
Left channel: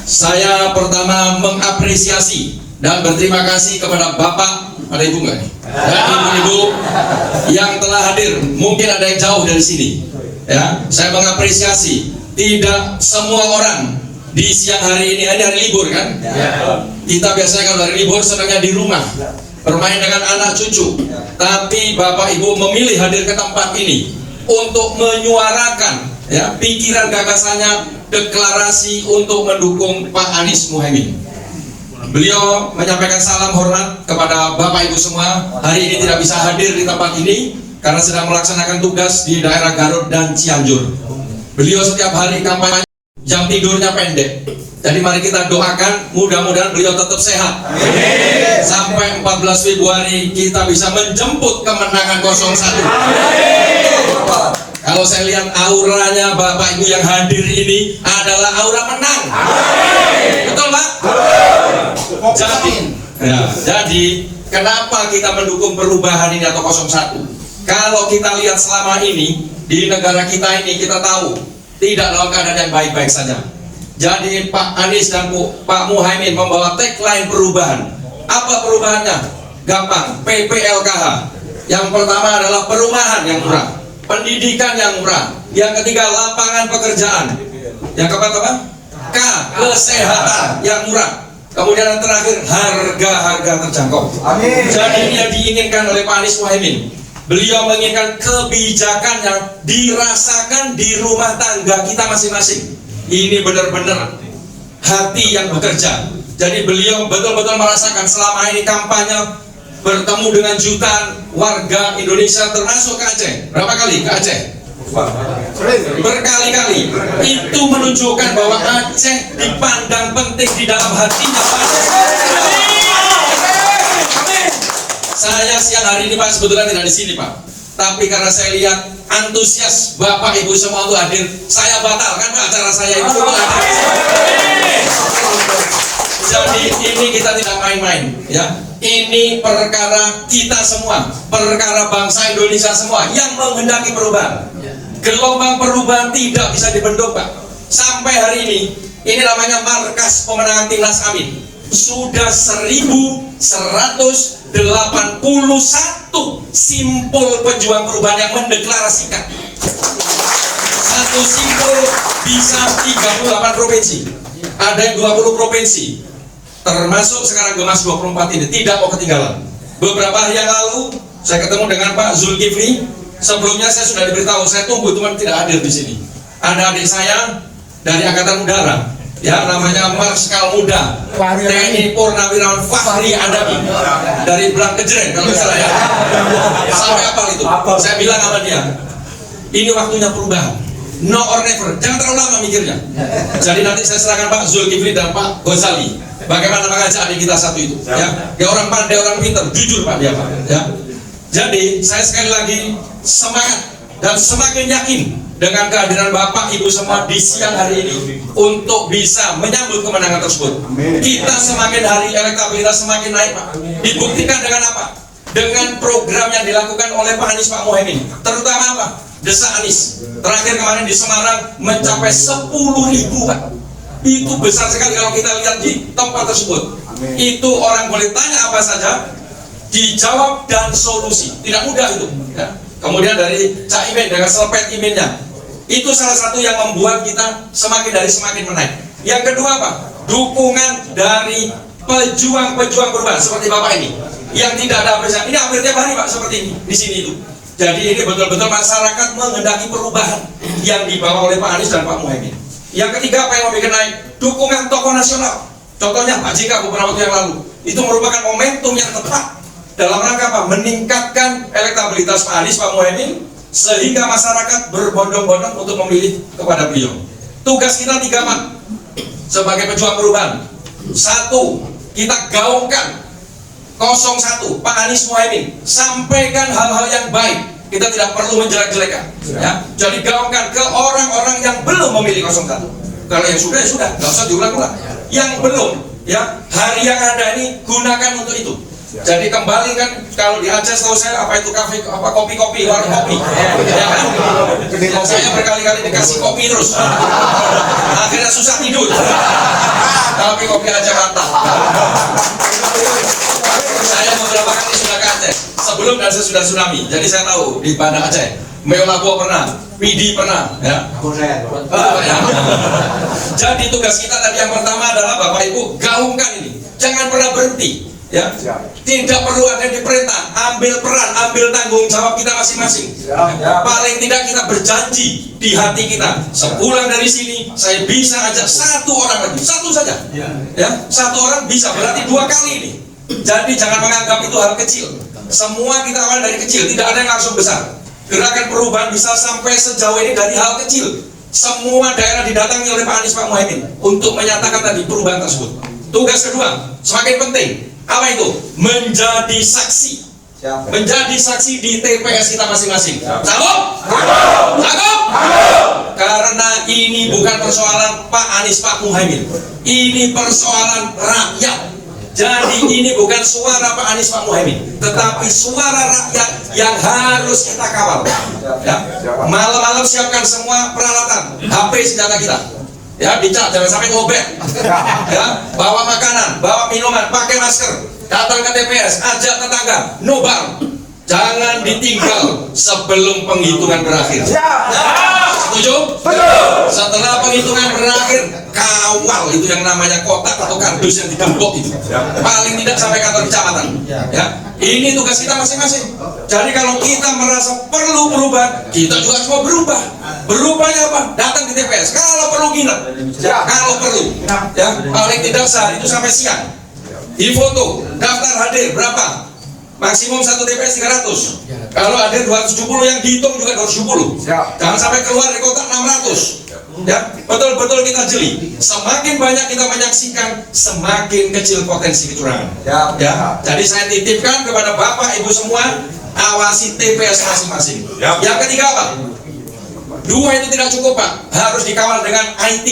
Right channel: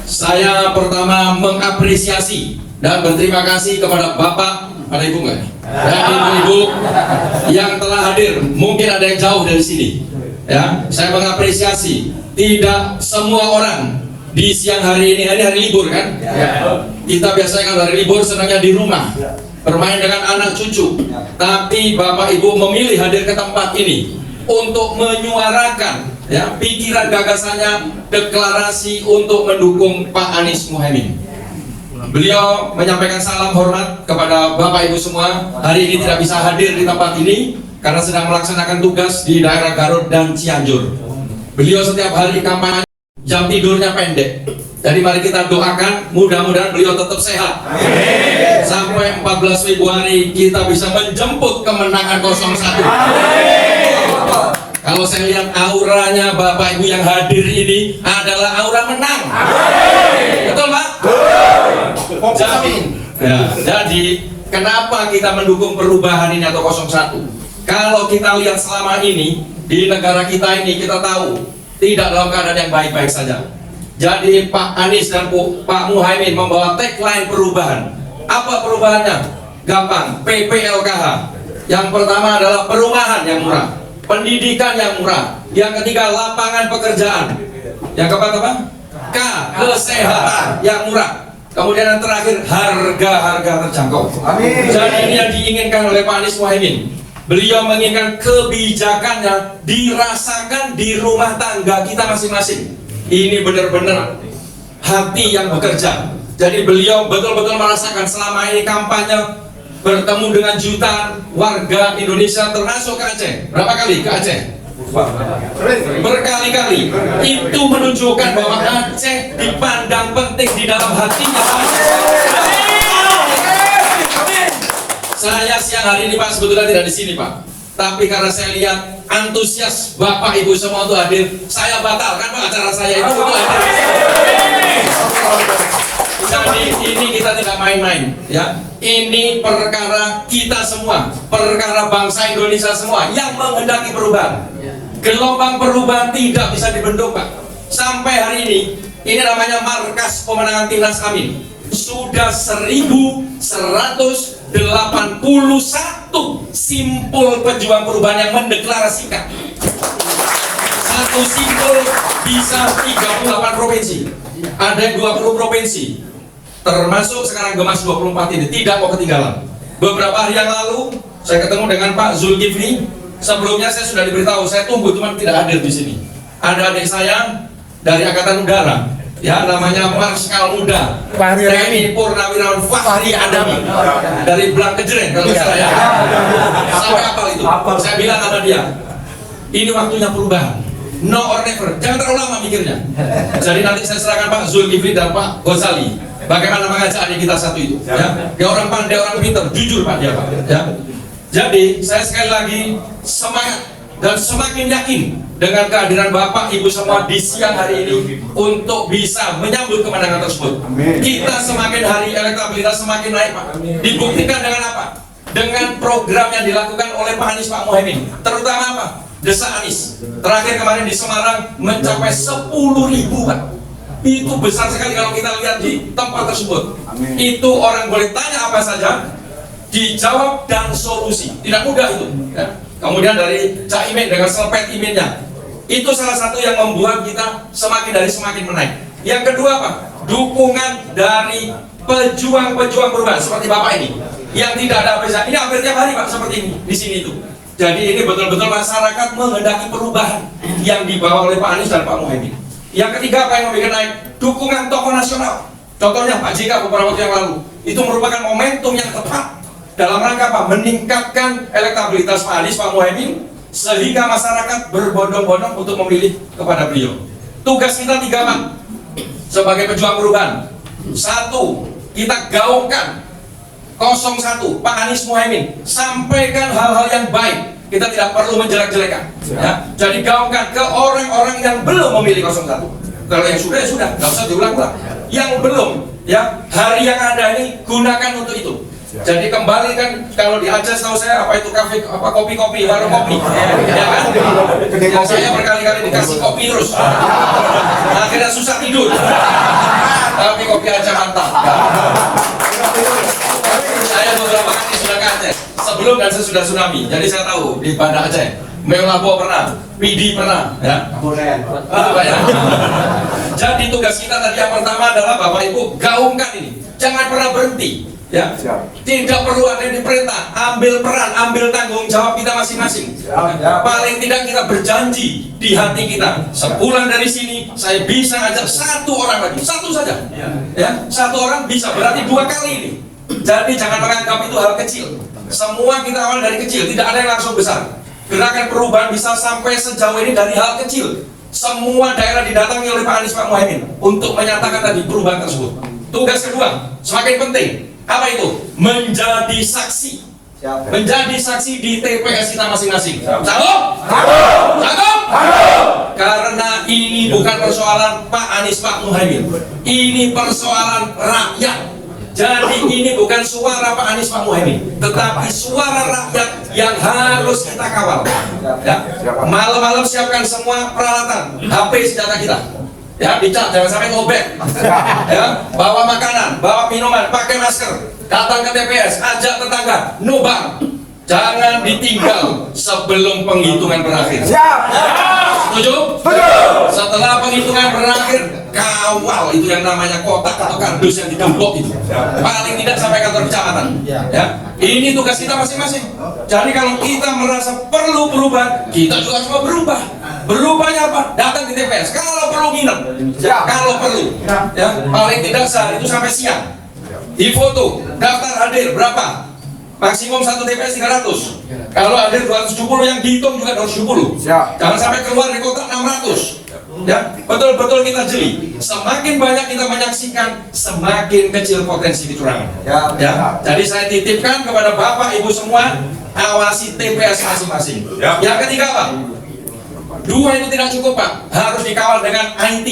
Saya pertama mengapresiasi dan berterima kasih kepada Bapak, ada Ibu nggak? Dan Ibu-ibu yang telah hadir, mungkin ada yang jauh dari sini. Ya, saya mengapresiasi. Tidak semua orang di siang hari ini, ada hari libur kan? Kita biasanya kalau hari libur senangnya di rumah, bermain dengan anak cucu. Tapi Bapak Ibu memilih hadir ke tempat ini untuk menyuarakan ya pikiran gagasannya, deklarasi untuk mendukung Pak Anies Muhaimin. Beliau menyampaikan salam hormat kepada Bapak Ibu semua. Hari ini tidak bisa hadir di tempat ini karena sedang melaksanakan tugas di daerah Garut dan Cianjur. Beliau setiap hari kampanye, jam tidurnya pendek. Jadi mari kita doakan mudah-mudahan beliau tetap sehat. Amin. Sampai 14 Februari kita bisa menjemput kemenangan 01. Amin. Kalau saya lihat auranya Bapak Ibu yang hadir ini adalah aura menang. Amin. Betul Pak? Jadi kenapa kita mendukung perubahan ini atau 01? Kalau kita lihat selama ini di negara kita ini, kita tahu tidak dalam keadaan yang baik-baik saja. Jadi Pak Anies dan Pak Muhaimin membawa tagline perubahan. Apa perubahannya? Gampang, PPLKH. Yang pertama adalah perumahan yang murah, pendidikan yang murah. Yang ketiga lapangan pekerjaan. Yang keempat apa? K, kesehatan yang murah. Kemudian yang terakhir harga-harga terjangkau. Amin. Jadi ini yang diinginkan oleh Pak Anies Muhaimin. Beliau menginginkan kebijakan yang dirasakan di rumah tangga kita masing-masing. Ini benar-benar hati yang bekerja. Jadi beliau betul-betul merasakan selama ini kampanye bertemu dengan jutaan warga Indonesia termasuk ke Aceh. Berapa kali ke Aceh? Berkali-kali. Itu menunjukkan bahwa Aceh dipandang penting di dalam hatinya. Saya siang hari ini Pak sebetulnya tidak di sini Pak, tapi karena saya lihat antusias Bapak Ibu semua untuk hadir, saya batalkan Pak acara saya itu untuk hadir. Jadi ini kita tidak main-main, ya. Ini perkara kita semua, perkara bangsa Indonesia semua yang menghendaki perubahan. Gelombang perubahan tidak bisa dibendung Pak. Sampai hari ini namanya Markas Pemenangan Timnas Amin. Sudah 1181 simpul pejuang perubahan yang mendeklarasikan. Satu simpul bisa 38 provinsi, ada yang 20 provinsi, termasuk sekarang Gemas 24 ini tidak mau ketinggalan. Beberapa hari yang lalu saya ketemu dengan Pak Zulkifli. Sebelumnya saya sudah diberitahu, saya tunggu teman tidak hadir di sini. Ada adik saya dari Angkatan Udara, ya, namanya Marskal Muda TNI Purnawirawan Fahri Adami dari Belang Kejeren kalau misalnya ya. Sampai apa itu? Saya bilang sama dia, ini waktunya perubahan, no or never, jangan terlalu lama mikirnya. Jadi nanti saya serahkan Pak Zulkifli dan Pak Ghazali bagaimana mengajak adik kita satu itu, ya. Dia orang pandai, orang pintar, jujur Pak dia Pak, ya. Jadi saya sekali lagi semangat dan semakin yakin dengan kehadiran Bapak Ibu semua di siang hari ini untuk bisa menyambut kemenangan tersebut. Kita semakin hari elektabilitas semakin naik Pak. Dibuktikan dengan apa? Dengan program yang dilakukan oleh Pak Anies Pak Muhaimin. Terutama apa? Desa Anies. Terakhir kemarin di Semarang mencapai 10.000 Pak. Itu besar sekali kalau kita lihat di tempat tersebut. Itu orang boleh tanya apa saja, dijawab dan solusi. Tidak mudah itu, ya. Kemudian dari Cak Imin dengan selepet iminnya, itu salah satu yang membuat kita semakin menaik. Yang kedua Pak, dukungan dari pejuang-pejuang perubahan seperti Bapak ini, yang tidak ada apresiasi. Ini hampir tiap hari Pak seperti ini di sini itu. Jadi ini betul-betul masyarakat menghendaki perubahan yang dibawa oleh Pak Anies dan Pak Muhaimin. Yang ketiga apa yang mau bikin naik? Dukungan tokoh nasional. Contohnya Pak JK beberapa waktu yang lalu, itu merupakan momentum yang tepat dalam rangka apa? Meningkatkan elektabilitas Pak Anies, Pak Muhaimin, sehingga masyarakat berbondong-bondong untuk memilih kepada beliau. Tugas kita 3 Pak sebagai pejuang perubahan. 1, kita gaungkan 01 Pak Anies Muhaimin, sampaikan hal-hal yang baik. Kita tidak perlu menjelek-jelekan, ya. Jadi gaungkan ke orang-orang yang belum memilih 01. Kalau yang sudah ya sudah, nggak usah diulang-ulang. Yang belum, ya, hari yang ada ini gunakan untuk itu. Jadi kembali kan, kalau di Aceh tahu saya apa itu kafe, apa kopi-kopi, warung kopi, ya kan? Yang saya berkali-kali dikasih kopi terus, akhirnya susah tidur. Tapi kopi Aceh mantap. Saya beberapa kali sudah ke Aceh, sebelum dan sesudah tsunami. Jadi saya tahu di Banda Aceh, Meolabo pernah, Pidi pernah, ya. Ya. Jadi tugas kita tadi yang pertama adalah Bapak Ibu gaungkan ini, jangan pernah berhenti. Ya, tidak perlu ada yang diperintah, ambil peran, ambil tanggung jawab kita masing-masing. Paling tidak kita berjanji di hati kita, sepulang dari sini saya bisa ajak 1 orang lagi, 1 saja. Ya, 1 orang bisa, berarti 2 kali ini. Jadi jangan menganggap itu hal kecil. Semua kita awal dari kecil, tidak ada yang langsung besar. Gerakan perubahan bisa sampai sejauh ini dari hal kecil. Semua daerah didatangi oleh Pak Anies Pak Muhaimin untuk menyatakan tadi perubahan tersebut. Tugas kedua semakin penting. Apa itu? Menjadi saksi. Menjadi saksi di TPS kita masing-masing. Sanggup? Sanggup? Karena ini bukan persoalan Pak Anies Pak Muhaimin. Ini persoalan rakyat. Jadi ini bukan suara Pak Anies Pak Muhaimin, tetapi suara rakyat yang harus kita kawal. Ya. Malam-malam siapkan semua peralatan, HP senjata kita. Ya, dicat, jangan sampai ngobek. Ya, bawa makanan, bawa minuman, pakai masker, datang ke TPS, ajak tetangga, nobar. Jangan ditinggal sebelum penghitungan berakhir. Setuju? Setelah penghitungan berakhir, kawal itu yang namanya kotak atau kardus yang digembok itu. Paling tidak sampai kantor kecamatan. Ya, ini tugas kita masing-masing. Jadi kalau kita merasa perlu perubahan, kita juga harus mau berubah. Berubahnya apa? Datang di TPS. Kalau perlu nginep, kalau perlu, ya paling tidak sehari itu sampai siang. Di foto, daftar hadir berapa? Maksimum 1 TPS 300. Kalau hadir 270 yang dihitung juga 270. Jangan sampai keluar di kotak 600. Ya, betul-betul kita jeli. Semakin banyak kita menyaksikan, semakin kecil potensi kecurangan. Ya, jadi saya titipkan kepada Bapak Ibu semua, awasi TPS masing-masing. Yang ketiga apa? 2 itu tidak cukup, Pak. Harus dikawal dengan IT.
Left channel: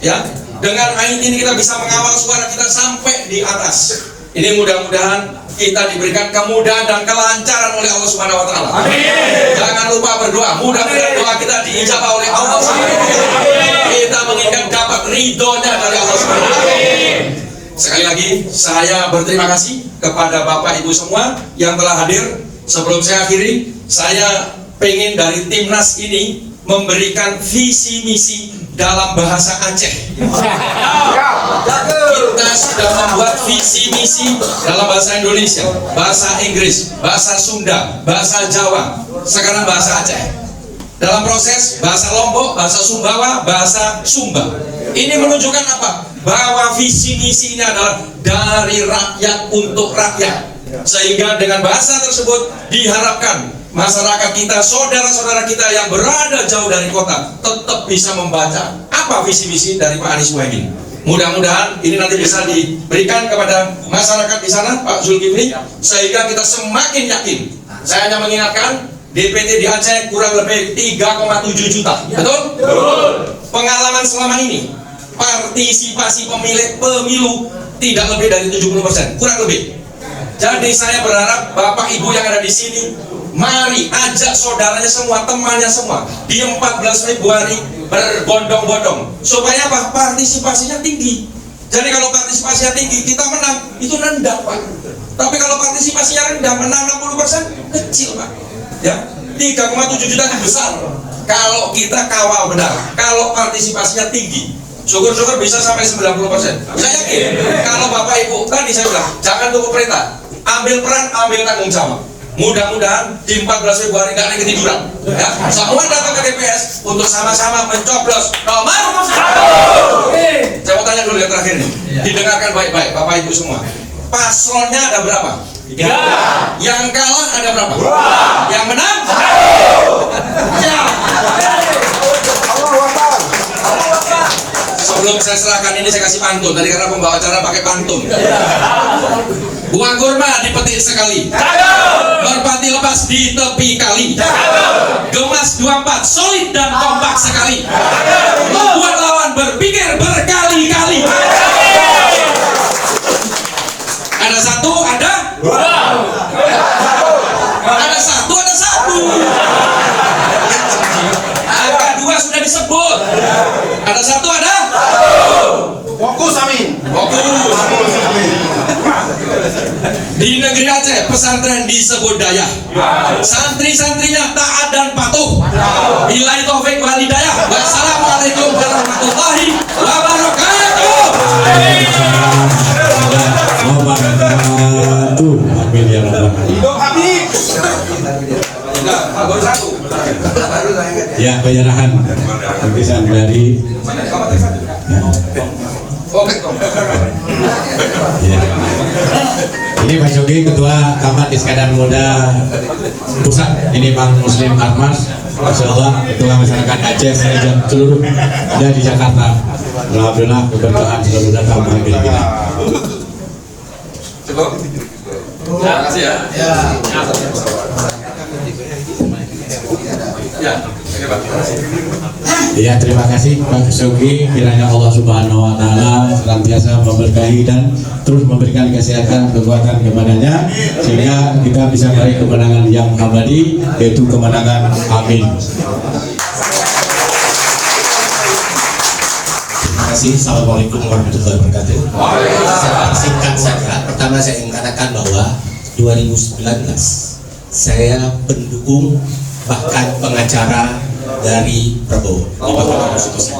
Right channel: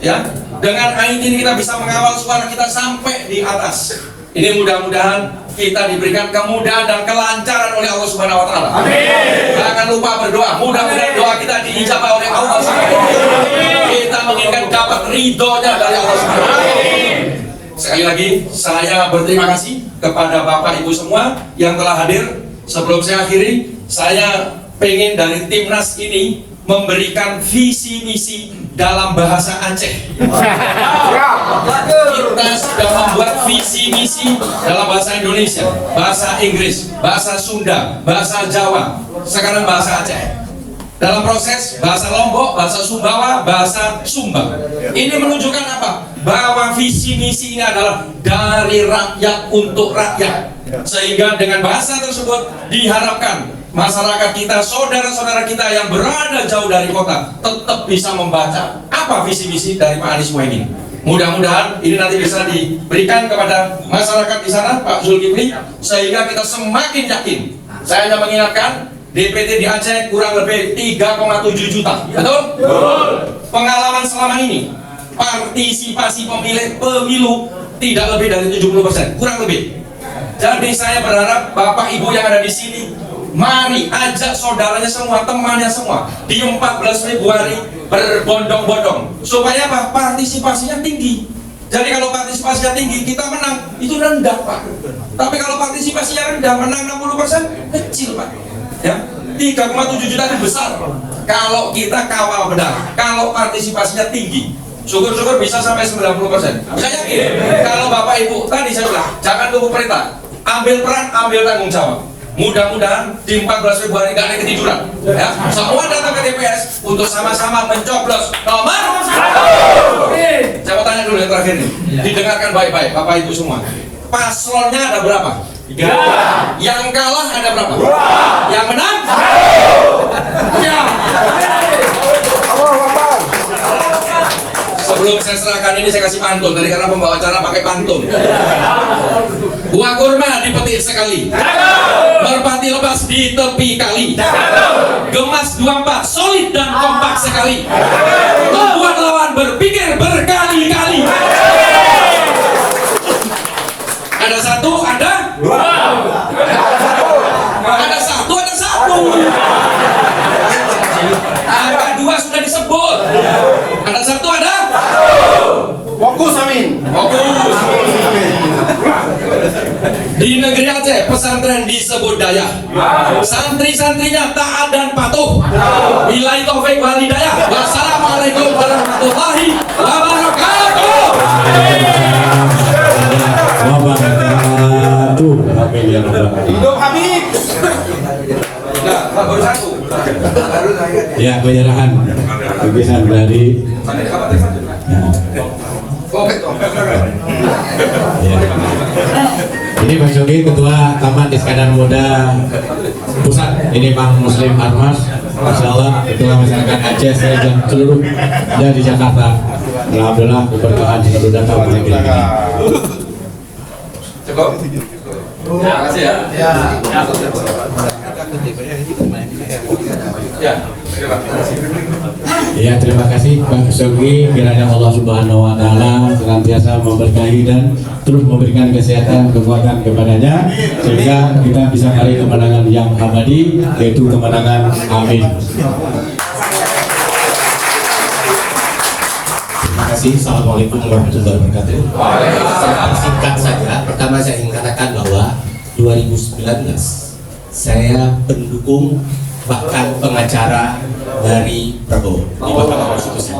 Ya, dengan IT ini kita bisa mengawal suara kita sampai di atas. Ini mudah-mudahan kita diberikan kemudahan dan kelancaran oleh Allah Subhanahu wa taala. Amin. Jangan lupa berdoa. Mudah-mudahan doa kita diijabah oleh Allah Subhanahu wa taala. Kita menginginkan dapat ridhonya dari Allah Subhanahu wa taala. Sekali lagi saya berterima kasih kepada Bapak Ibu semua yang telah hadir. Sebelum saya akhiri, saya pengen dari Timnas ini memberikan visi misi dalam bahasa Aceh. Kita sudah membuat visi misi dalam bahasa Indonesia, bahasa Inggris, bahasa Sunda, bahasa Jawa, sekarang bahasa Aceh. Dalam proses bahasa Lombok, bahasa Sumbawa, bahasa Sumba. Ini menunjukkan apa? Bahwa visi misi ini adalah dari rakyat untuk rakyat. Sehingga dengan bahasa tersebut diharapkan masyarakat kita, saudara-saudara kita yang berada jauh dari kota tetap bisa membaca apa visi misi dari Pak Anies Muhaimin. Mudah-mudahan ini nanti bisa diberikan kepada masyarakat di sana, Pak Zulkifli, sehingga kita semakin yakin. Saya hanya mengingatkan DPT di Aceh kurang lebih 3,7 juta. Betul? Betul. Pengalaman selama ini partisipasi pemilu tidak lebih dari 70%, kurang lebih. Jadi saya berharap Bapak Ibu yang ada di sini, mari ajak saudaranya semua, temannya semua di 14 Februari berbondong-bondong supaya apa? Partisipasinya tinggi. Jadi kalau partisipasinya tinggi kita menang, itu rendah, Pak. Tapi kalau partisipasinya rendah, menang 60% kecil, Pak. Ya, 3,7 juta itu besar. Kalau kita kawal benar, kalau partisipasinya tinggi, syukur-syukur bisa sampai 90%. Saya yakin kalau Bapak Ibu tadi saya bilang jangan tunggu perintah, ambil peran, ambil tanggung jawab. Mudah-mudahan di 14 Februari nggak ada ketiduran. Ya, semua datang ke TPS untuk sama-sama mencoblos nomor 1. Saya mau tanya dulu yang terakhir nih, didengarkan baik-baik, Bapak Ibu semua. Paslonnya ada berapa? 3. Yang kalah ada berapa? 2. Yang menang? 1. Ya. Sebelum saya serahkan ini saya kasih pantun. Tadi karena pembawa acara pakai pantun. Buah kurma dipetik sekali, merpati lepas di tepi kali, gemas 24 solid dan kompak sekali, membuat lawan berpikir berkali-kali. Ada 1, ada 2, ada 1, ada 1, ada 2 sudah disebut, ada 1, ada fokus. Amin. Fokus. Di negeri Aceh pesantren disebut daya, santri-santrinya taat dan patuh. Billahi taufik wal hidayah. Wassalamualaikum warahmatullahi wabarakatuh. Amin ya rabbal alamin. Hidup Habib. Baru 1. Ya, penyerahan lukisan dari ya. Ini Pak Shogi, Ketua Kamar Iskandar Muda Pusat. Ini Bang Muslim Armas, Masya Allah, Ketua Masyarakat Aceh dan seluruh dari Jakarta. Alhamdulillah keberkahan selalu datang di negeri ini. Cukup. Ya, kasih ya. Ya. Ya, terima kasih Pak Shogi. Kiranya Allah Subhanahu wa taala senantiasa memberkahi dan terus memberikan kesehatan, kekuatan kepadanya sehingga kita bisa meraih kemenangan yang abadi, yaitu kemenangan. Amin. Terima kasih. Assalamualaikum warahmatullahi wabarakatuh. Secara singkat saja, pertama saya ingin katakan bahwa 2019 saya pendukung bahkan pengacara dari Prabowo di Mahkamah Konstitusi.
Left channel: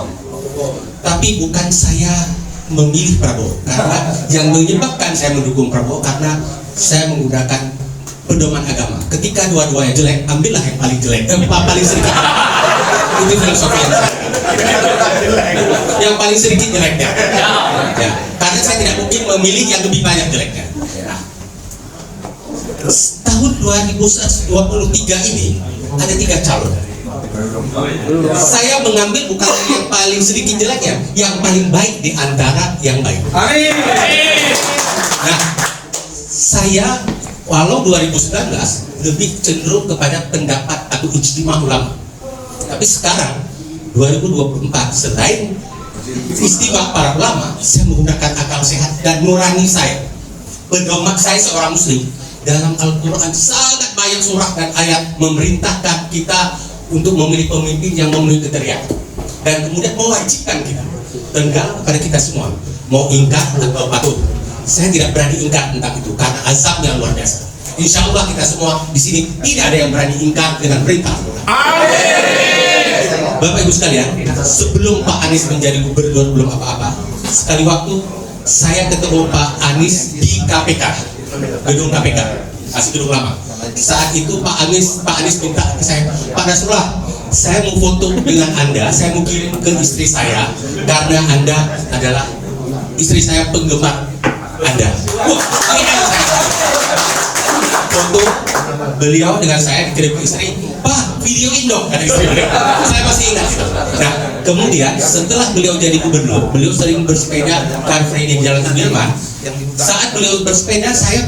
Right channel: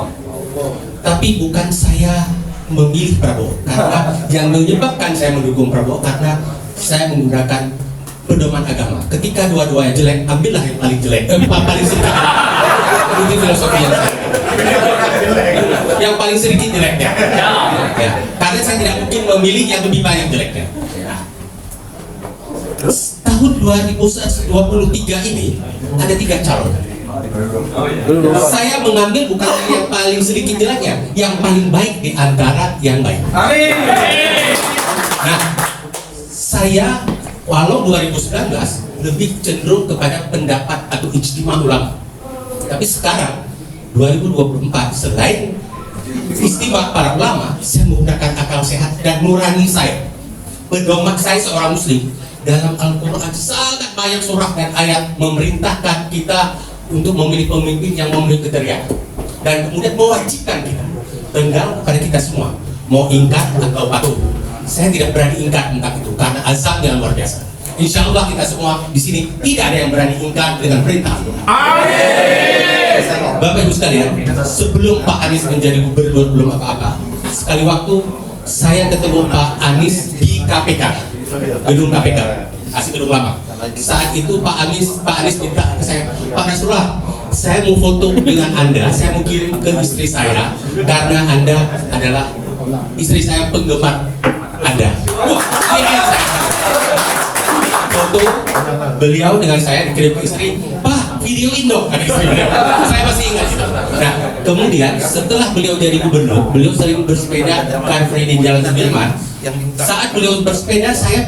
Tapi bukan saya memilih Prabowo, karena yang menyebabkan saya mendukung Prabowo karena saya menggunakan pedoman agama. Ketika dua-duanya jelek, ambillah yang paling jelek, paling sedikit. Itu filosofi yang saya. Yang paling sedikit jeleknya. Ya, karena saya tidak mungkin memilih yang lebih banyak jeleknya. Tahun 2023 ini ada 3 calon. Saya mengambil bukan yang paling sedikit jeleknya, yang paling baik di antara yang baik. Nah, saya walau 2019 lebih cenderung kepada pendapat atau ijtima ulama. Tapi sekarang 2024 selain istimewa para ulama, saya menggunakan akal sehat dan nurani saya. Pedoman saya seorang muslim, dalam Al-Quran sangat banyak surah dan ayat memerintahkan kita untuk memilih pemimpin yang memenuhi kriteria dan kemudian mewajibkan kita, tinggal kepada kita semua mau ingkar atau patuh. Saya tidak berani ingkar tentang itu karena azabnya luar biasa. Insya Allah kita semua di sini tidak ada yang berani ingkar dengan perintah. Bapak Ibu sekalian, sebelum Pak Anies menjadi gubernur belum apa-apa, sekali waktu saya ketemu Pak Anies di KPK, gedung KPK, asli gedung lama. Saat itu Pak Anies minta ke saya, Pak Nasrullah, saya mau foto dengan Anda, saya mau kirim ke istri saya karena Anda adalah istri saya penggemar Anda. Wah, ini saya foto beliau dengan saya dikirim ke istri, Pak, videoin dong, kata istri beliau. Saya masih ingat. Nah, kemudian setelah beliau jadi gubernur, beliau sering bersepeda Car Free di Jalan Sudirman. Saat beliau bersepeda, saya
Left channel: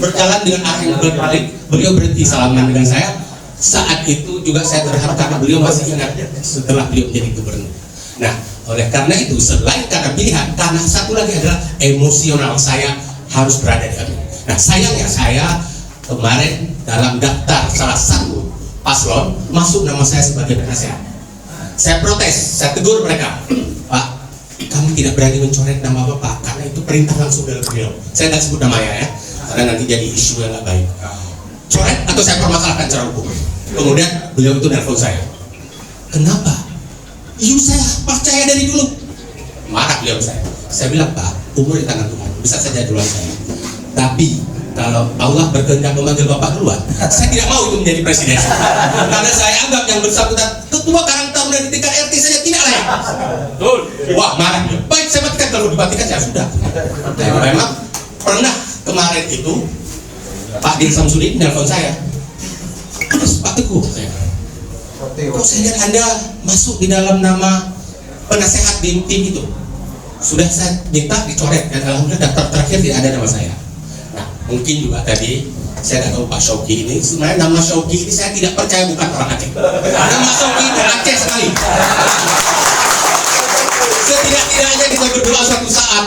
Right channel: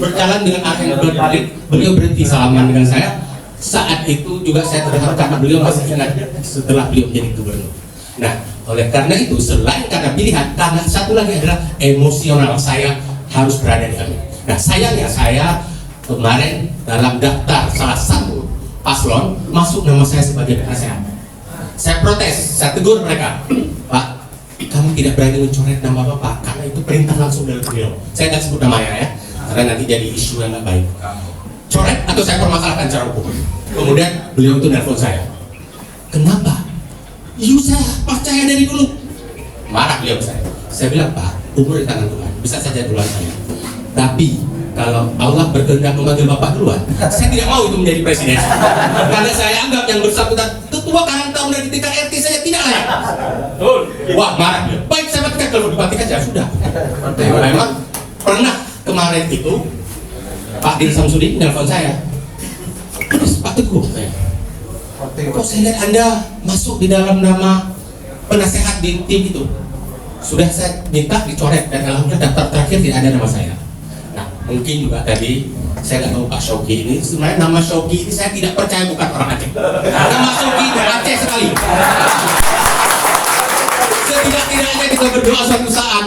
berjalan dengan arah yang berbalik. Beliau berhenti salaman dengan saya. Saat itu juga saya terharu karena beliau masih ingat setelah beliau jadi gubernur. Nah, oleh karena itu selain karena pilihan, karena satu lagi adalah emosional saya harus berada di sana. Nah, sayangnya saya kemarin dalam daftar salah satu paslon masuk nama saya sebagai penasehat. Saya protes, saya tegur mereka, Pak, kami tidak berani mencoret nama Bapak karena itu perintah langsung dari beliau. Saya nggak sebut namanya ya, karena nanti jadi isu yang nggak baik. Coret atau saya permasalahkan secara hukum. Kemudian beliau itu nelfon saya, kenapa? Saya percaya dari dulu. Marah beliau saya. Saya bilang, Pak, umur di tangan Tuhan, bisa saja duluan saya. Tapi kalau Allah berkehendak memanggil Bapak duluan, saya tidak mau itu menjadi presiden. Karena saya anggap yang bersangkutan ketua Karang Taruna di tingkat RT saja tidak layak. Wah, marah. Baik, saya matikan, kalau dimatikan ya sudah. Memang pernah kemarin itu Pak Dir Samsudin nelfon saya, terus Pak Teguh, kok saya lihat Anda masuk di dalam nama penasehat di tim itu. Sudah saya minta dicoret dan alhamdulillah daftar terakhir tidak ada nama saya. Nah, mungkin juga tadi saya nggak tahu Pak Shoki ini, sebenarnya nama Shoki ini saya tidak percaya bukan orang Aceh. Nama Shoki ini Aceh sekali. Setidak-tidaknya kita berdoa suatu saat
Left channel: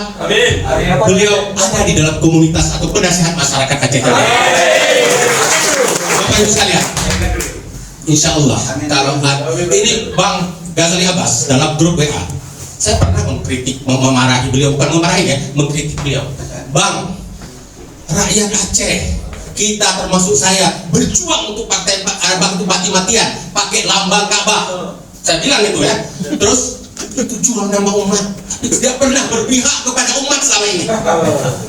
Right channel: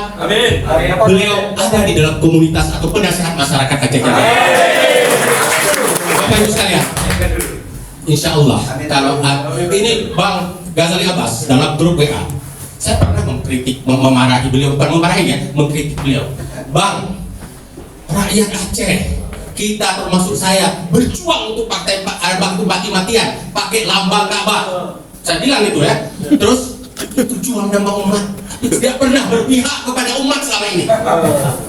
beliau ada di dalam komunitas atau penasehat masyarakat Aceh Jaya. Bapak Ibu sekalian, insya Allah kalau ini Bang Ghazali Abbas dalam grup WA, saya pernah mengkritik, memarahi beliau, bukan memarahinya, mengkritik beliau. Bang, rakyat Aceh, kita termasuk saya berjuang untuk partai untuk mati-matian pakai lambang Ka'bah. Saya bilang itu ya. Terus itu jual nama umat, tidak pernah berpihak kepada umat selama ini.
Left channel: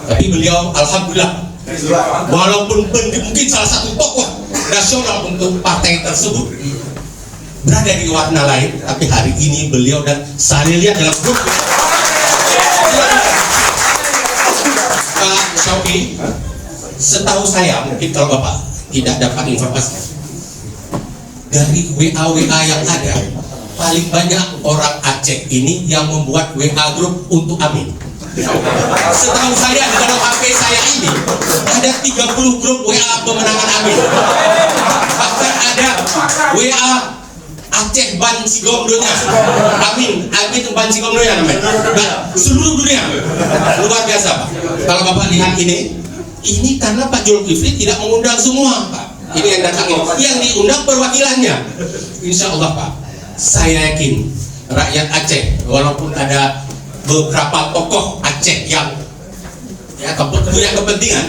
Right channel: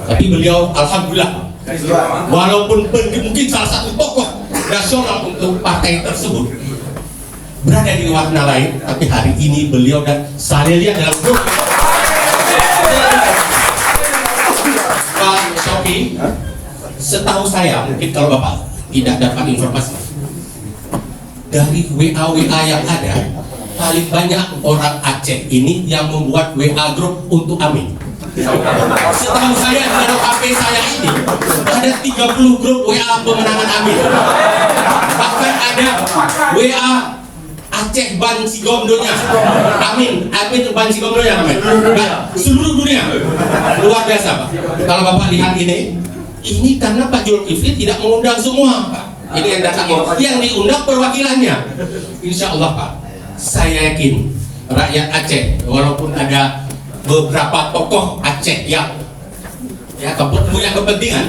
Tapi beliau alhamdulillah, walaupun mungkin salah satu tokoh nasional untuk partai tersebut berada di warna lain, tapi hari ini beliau dan saya lihat dalam grup Pak Shoki, setahu saya, mungkin kalau Bapak tidak dapat informasi dari WA yang ada, paling banyak orang Aceh ini yang membuat WA grup untuk Amin. Setahu saya di dalam HP saya ini ada 30 grup WA pemenangan Amin. Bahkan ada WA Aceh Ban Sigomdonya, Amin Ban Sigomdonya namanya. Nah, seluruh dunia luar biasa Pak. Kalau Bapak lihat ini karena Pak Zulkifli tidak mengundang semua Pak. Ini yang datang, yang diundang perwakilannya. Insya Allah Pak, saya yakin rakyat Aceh, walaupun ada beberapa tokoh Aceh yang punya kepentingan,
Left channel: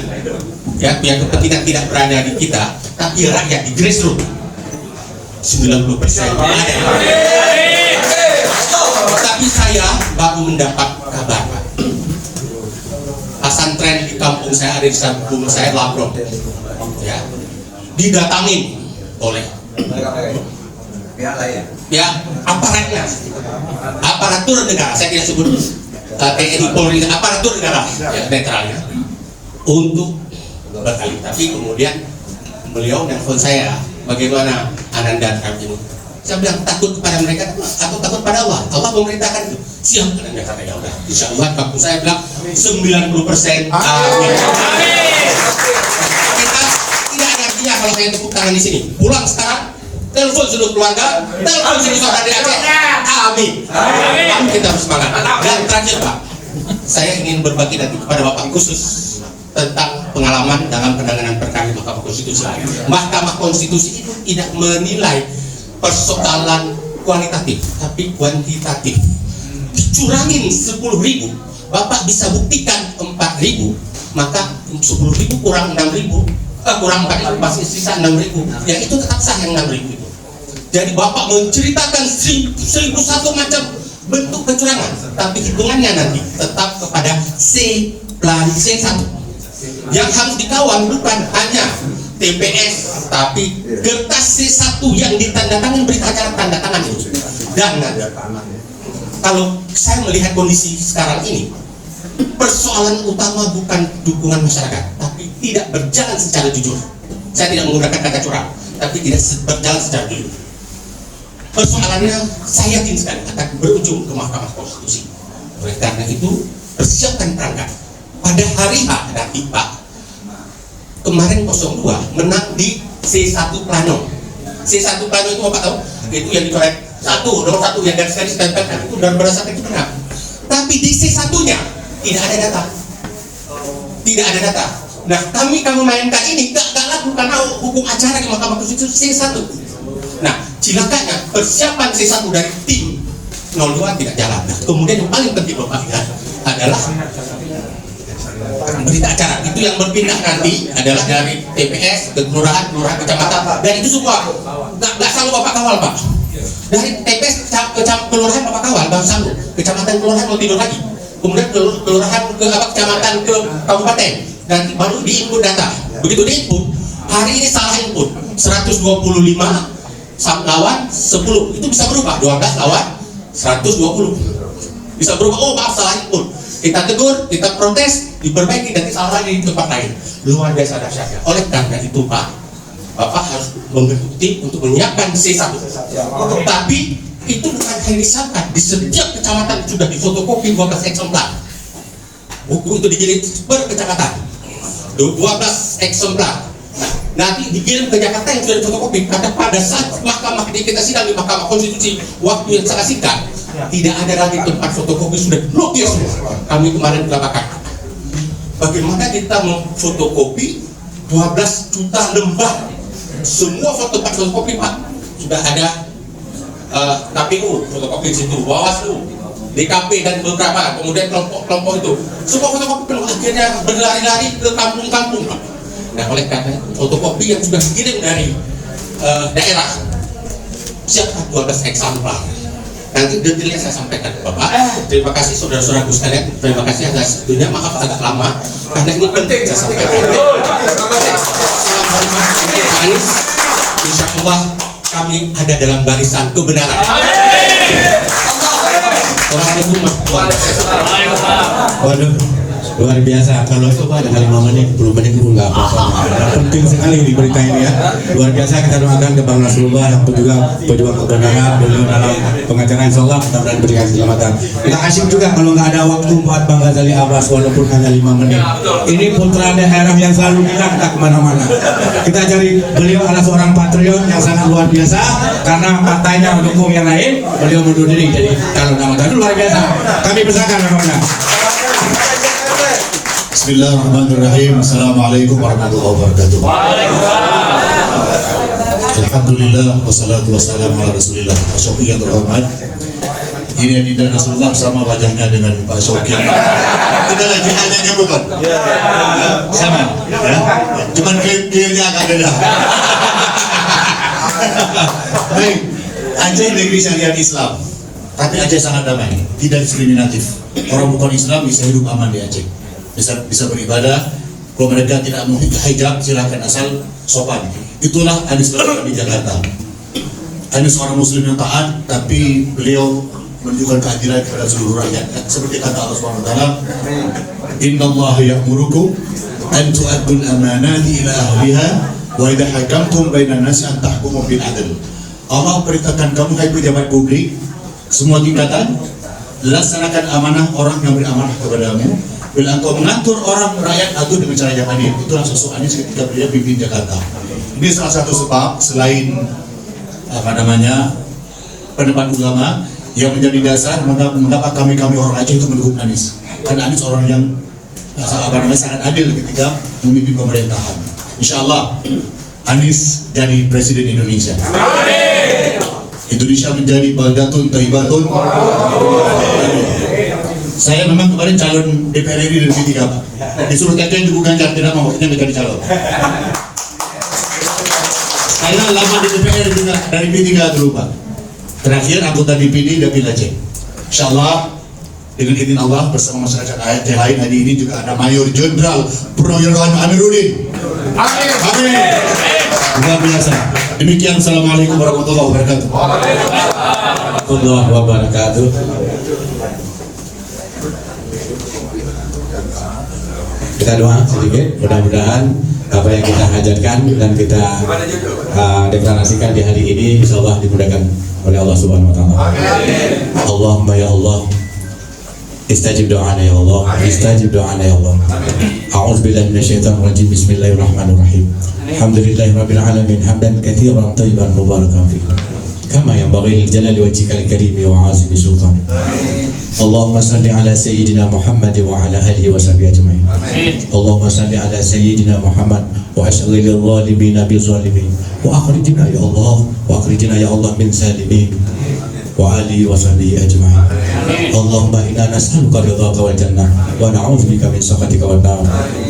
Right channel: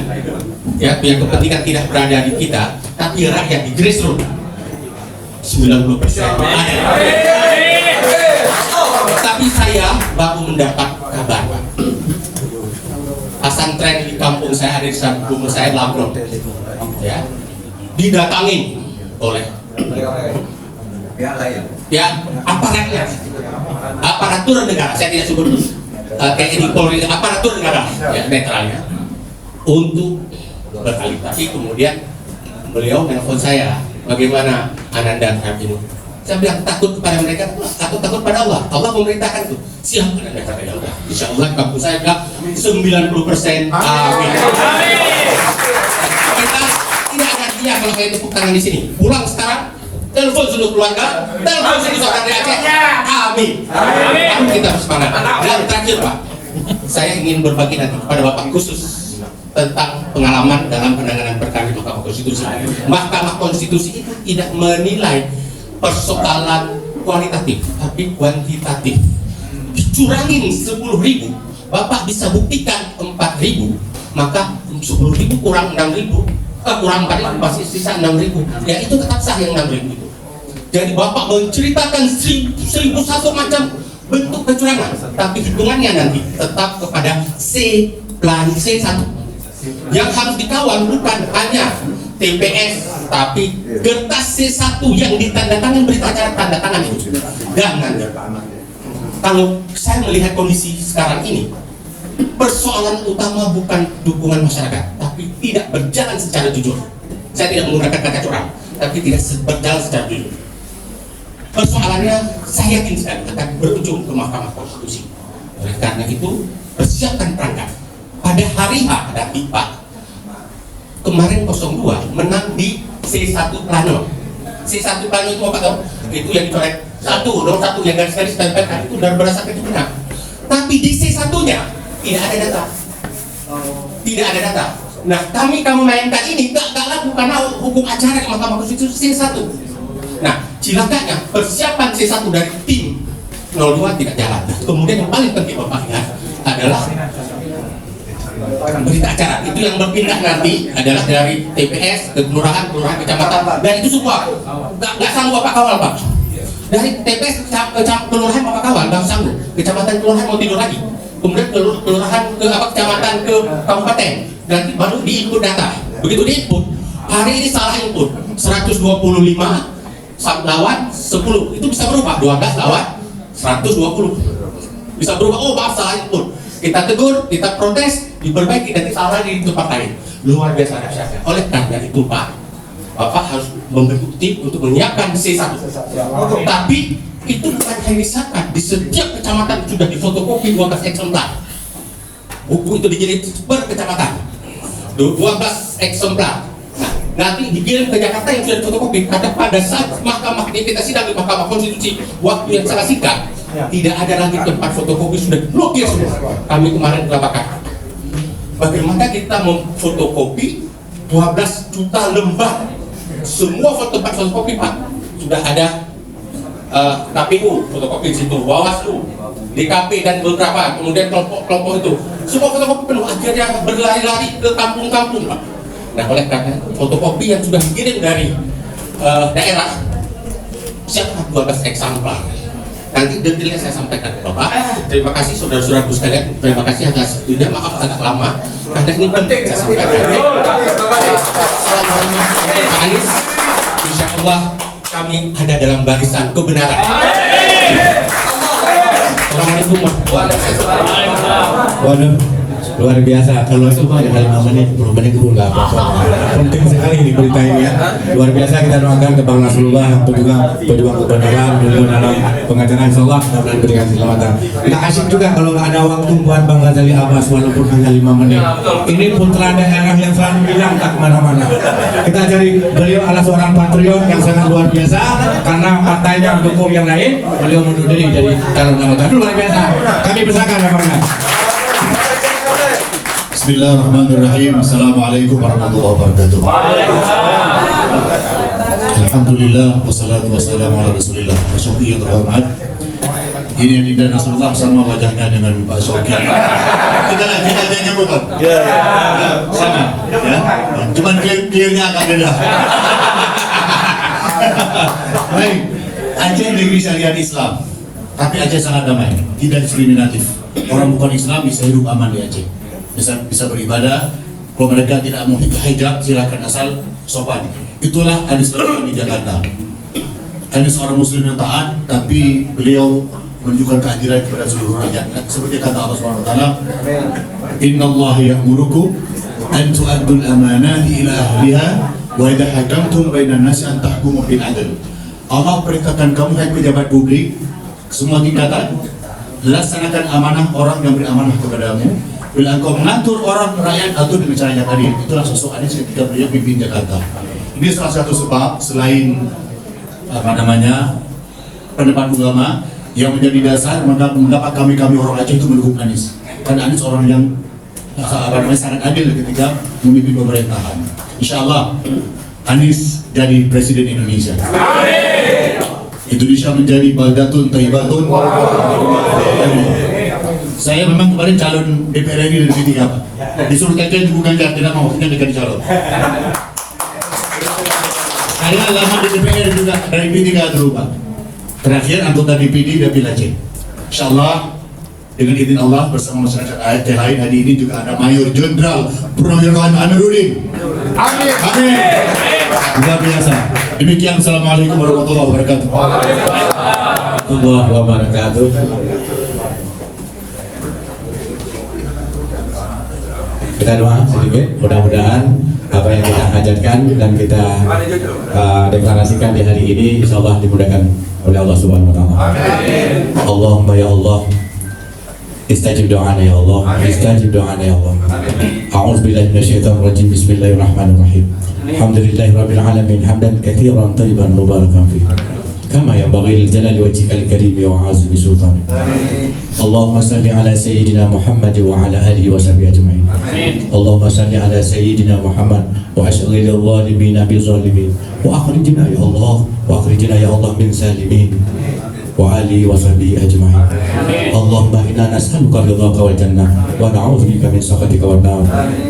punya kepentingan tidak berada di kita, tapi rakyat di grassroots 90% ada. Tapi saya baru mendapat kabar, pesantren di kampung saya ada di kampung saya Lampung, ya, didatangin oleh aparatnya, aparatur negara, saya tidak sebut TNI Polri, aparatur negara ya, netralnya untuk berkali. Tapi kemudian beliau nelfon saya, bagaimana Ananda terhadap ini? Saya bilang takut kepada mereka atau takut pada Allah. Allah memerintahkan itu. Siap. Dan mereka kata ya udah. Insya Allah kampung saya bilang 90%. Amin. Kita tidak ada artinya kalau saya tepuk tangan di sini. Pulang sekarang, telepon seluruh keluarga, telepon seluruh saudara di Aceh. Amin. Amin. Kita harus semangat. Dan terakhir Pak, saya ingin berbagi nanti kepada Bapak khusus tentang pengalaman dalam penanganan perkara di Mahkamah Konstitusi. Mahkamah Konstitusi itu tidak menilai persoalan kualitatif, tapi kuantitatif. Dicurangin 10.000, Bapak bisa buktikan 4.000, maka 10.000 kurang 6.000, kurang 4.000 pasti sisa 6.000. Ya itu tetap sah yang 6.000 itu. Jadi Bapak menceritakan 1.001 macam bentuk kecurangan, tapi hitungannya nanti tetap kepada C+C1. Yang harus dikawal bukan hanya TPS, tapi kertas C1 yang ditandatangan berita acara tanda tangan itu. Dan kalau saya melihat kondisi sekarang ini, persoalan utama bukan dukungan masyarakat, tapi tidak berjalan secara jujur. Saya tidak menggunakan kata curang, tapi tidak berjalan secara jujur. Persoalannya saya yakin sekali akan berujung ke Mahkamah Konstitusi. Oleh karena itu, persiapkan perangkat. Pada hari H nanti Pak, kemarin 02 menang di C1 Plano. C1 Plano itu apa tahu? Itu yang dicoret nomor 1 yang garis-garis tempelkan itu dan berdasarkan itu menang. Tapi di C1-nya tidak ada data. Tidak ada data. Nah, kamu mainkan ini gak laku karena hukum acara di Mahkamah Konstitusi C1. Nah, cilakanya persiapan C1 dari tim 02 tidak jalan. Nah, kemudian yang paling penting Bapak lihat adalah berita acara itu yang berpindah nanti adalah dari TPS ke kelurahan, kecamatan, dan itu semua nggak selalu Bapak kawal Pak. Dari TPS ke kelurahan Bapak kawal, nggak selalu. Kecamatan kelurahan mau tidur lagi, kemudian kelurahan ke kecamatan ke kabupaten, nanti baru diinput data. Begitu diinput, hari ini salah input 125 lawan 10 itu bisa berubah 12 lawan 120 bisa berubah. Oh maaf salah input. Kita tegur, kita protes, diperbaiki, nanti salah di tempat lain. Luar biasa dahsyatnya. Oleh karena itu Pak, Bapak harus membentuk tim untuk menyiapkan C1. Tapi itu bukan hanya disiapkan, di setiap kecamatan sudah difotokopi 12 eksemplar. Buku itu dijilid per kecamatan, 12 eksemplar. Nah, nanti dikirim ke Jakarta yang sudah difotokopi. Karena pada saat Mahkamah kita sidang di Mahkamah Konstitusi, waktu yang sangat singkat, tidak ada lagi tempat fotokopi, sudah diblokir semua. Kami kemarin mengatakan bagaimana kita memfotokopi 12 juta lembar semua tempat fotokopi Pak. Sudah ada KPU fotokopi di situ, Bawaslu, DKP dan beberapa, kemudian kelompok-kelompok itu semua fotokopi penuh, akhirnya berlari-lari ke kampung-kampung Pak. Nah oleh karena fotokopi yang sudah dikirim dari daerah siapa 12 eksemplar. Nanti detailnya saya sampaikan ke Bapak. Terima kasih saudara-saudaraku sekalian. Terima kasih atas waktunya. Maaf agak lama karena ini penting saya sampaikan. Assalamualaikum Anies. Insya Allah kami ada dalam barisan kebenaran. Assalamualaikum warahmatullahi wabarakatuh. Waduh, luar biasa. Kalau itu Pak ada 5 menit, 10 menit pun nggak apa-apa. Penting sekali di berita ini ya. Luar biasa, kita doakan ke Bang Nasrullah untuk juga pejuang kebenaran beliau dalam pengacara insyaallah mudah-mudahan berikan keselamatan. Nggak asik juga kalau nggak ada waktu buat Bang Ghazali Abbas walaupun hanya 5 menit. Ini putra daerah yang selalu bilang tak kemana-mana. Kita cari beliau adalah seorang patriot yang sangat luar biasa karena partainya mendukung yang lain, beliau mundur diri jadi calon anggota. Luar biasa. Kami persilakan Bang. Bismillahirrahmanirrahim. Assalamualaikum warahmatullahi wabarakatuh. Alhamdulillah wassalatu wassalamu ala Rasulillah. Syauqi yang terhormat, ini Dinda Nasrullah sama wajahnya dengan Pak Syauqi. Kita lagi wajahnya bukan? Iya. Sama. Ya. Cuman clear-nya agak beda. Baik, Aceh negeri syariat Islam, tapi Aceh sangat damai, tidak diskriminatif. Orang bukan Islam bisa hidup aman di Aceh. Bisa beribadah. Kalau mereka tidak mau hijab, silakan asal sopan. Itulah Anies di Jakarta. Anies seorang muslim yang taat, tapi beliau menunjukkan kehadiran kepada seluruh rakyat. Seperti kata Allah SWT, Innallaha ya'murukum an tu'addul amanati ila ahliha wa idha hakamtum bainan nasi an tahkumu bil adl. Allah perintahkan kamu hai pejabat publik semua tingkatan, laksanakan amanah orang yang beramanah kepadamu. Bila engkau mengatur orang rakyat atur dengan cara yang adil. Itulah sosok Anies ketika beliau pimpin Jakarta. Ini salah satu sebab selain pendapat ulama yang menjadi dasar mengapa kami orang Aceh itu mendukung Anies. Karena Anies orang yang sangat adil ketika memimpin pemerintahan. Insya Allah Anies jadi presiden Indonesia. Indonesia menjadi baldatun thayyibatun. Saya memang kemarin calon DPR RI dari P3 Pak. Disuruh kajian juga ganjar, tidak mau, maksudnya mereka calon. Saya lama di DPR juga dari P3 dulu Pak. Terakhir anggota DPD Dapil Aceh. Insyaallah dengan izin Allah bersama masyarakat Aceh lain hari ini juga ada Mayor Jenderal Purnawirawan Amiruddin. Amin. Amin. Luar biasa. Demikian, assalamualaikum warahmatullahi wabarakatuh. Warahmatullahi wabarakatuh. Kita doa sedikit, mudah-mudahan apa yang kita hajarkan dan kita deklarasikan di hari ini insya Allah dimudahkan oleh Allah Subhanahu Wa Taala. Allahumma ya Allah, istajib doana ya Allah, istajib doana ya Allah. A'udzubillahi minasyaitonir rajim. Bismillahirrahmanirrahim. Alhamdulillahirabbil alamin hamdan katsiran thayyiban mubarakan fihi. Kama yanbaghi li jalali wajhikal karim wa 'azimi sultanik. Allahumma salli ala sayyidina Muhammad wa ala alihi wa sahbihi ajma'in. Allahumma salli ala sayyidina Muhammad wa ashghil adh-dhalimin bil zalimin wa akhrijna ya Allah wa akhrijna ya Allah min salimin wa alihi wa sahbihi ajma'in. Allahumma inna nas'aluka ridhaka wal jannah wa na'udzubika min sakhatika wan nar.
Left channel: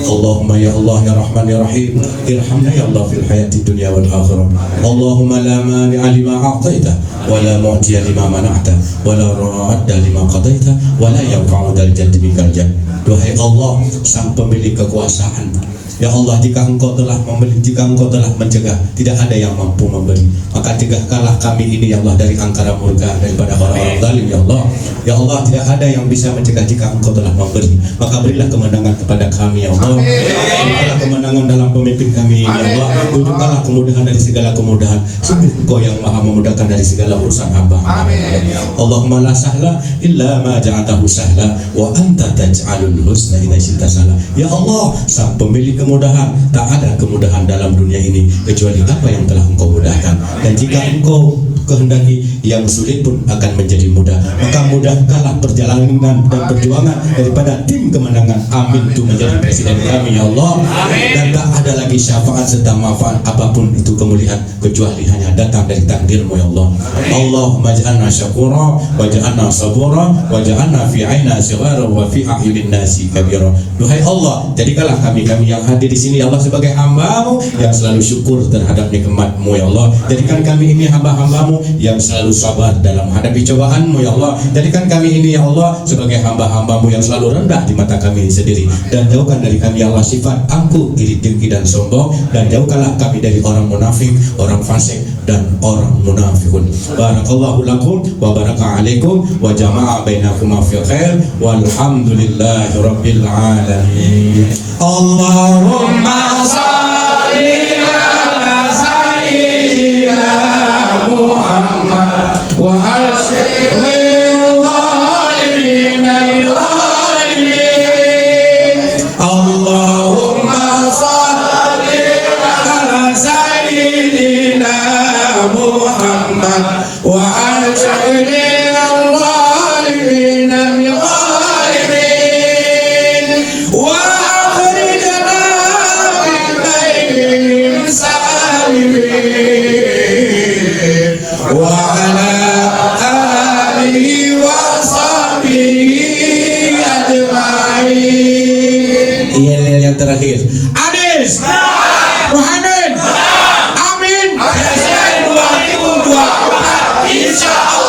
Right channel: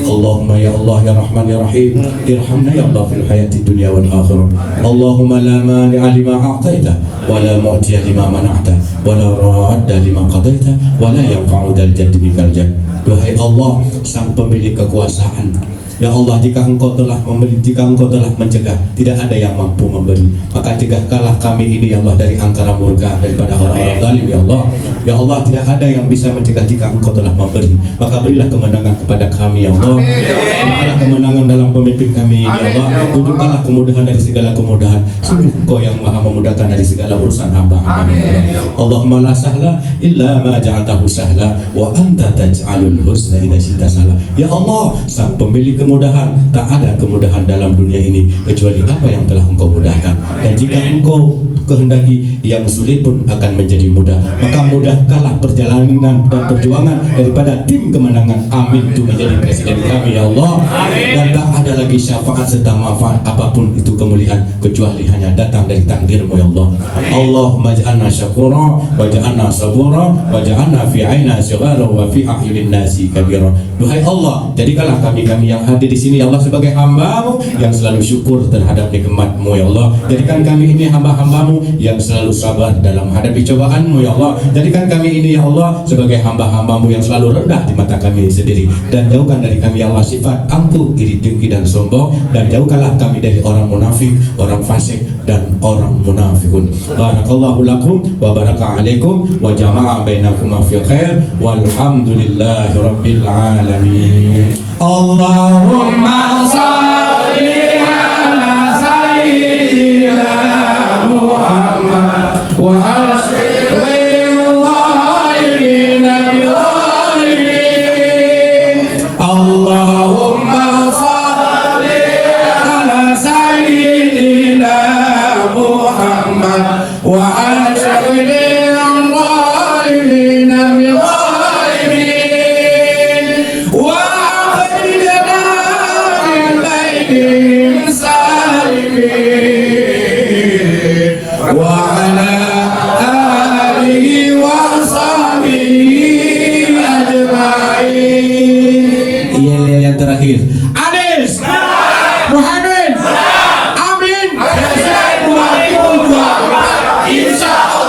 Allahumma ya Allah ya Rahman ya Rahim, irhamna ya Allah fil hayati dunya wal akhirah. Allahumma la mani'a lima a'taita wa la mu'tiya lima mana'ta wa la radda lima qadaita wa la yanfa'u dzal jaddi bikal jadd. Wahai Allah, sang pemilik kekuasaan, ya Allah, jika engkau telah memberi, jika engkau telah mencegah, tidak ada yang mampu memberi. Maka cegahkanlah kami ini ya Allah dari angkara murka daripada orang-orang zalim ya Allah. Ya Allah, tidak ada yang bisa mencegah jika engkau telah memberi. Maka berilah kemenangan kepada kami ya Allah. Berilah kemenangan dalam pemimpin kami ya Allah. Tunjukkanlah kemudahan dari segala kemudahan. Sungguh engkau yang maha memudahkan dari segala urusan hamba. Allahumma la sahla illa ma ja'altahu sahla wa anta taj'alul husna idza syi'ta sahla. Ya Allah, sang pemilik kemudahan, tak ada kemudahan dalam dunia ini kecuali apa yang telah engkau mudahkan. Dan jika engkau kehendaki yang sulit pun akan menjadi mudah. Maka mudahkanlah perjalanan dan perjuangan daripada tim kemenangan Amin itu menjadi presiden kami ya Allah. Dan tak ada lagi syafaat serta manfaat apapun itu kemuliaan kecuali hanya datang dari takdirmu ya Allah. Allahumma ja'alna syakura wa ja'alna sabura wa ja'alna fi 'aina sighara wa fi a'yunin nasi kabira. Duhai Allah, jadikanlah kami-kami yang hadir di sini ya Allah sebagai hamba-Mu yang selalu syukur terhadap nikmat-Mu ya Allah. Jadikan kami ini hamba-hamba-Mu yang selalu sabar dalam menghadapi cobaan-Mu ya Allah. Jadikan kami ini ya Allah sebagai hamba-hamba-Mu yang selalu rendah di mata kami sendiri. Dan jauhkan dari kami ya Allah sifat angkuh, iri, dengki dan sombong. Dan jauhkanlah kami dari orang munafik, orang fasik dan orang munafikun. Barakallahu lakum wa baraka alaikum wa jama'a bainakum fi khair walhamdulillahi rabbil alamin. Allahumma salli ala sayyidina Muhammad wa Allahumma salli ala sayyidina Muhammad wa yang terakhir Anies Muhammad Amin Presiden 2024 insyaallah.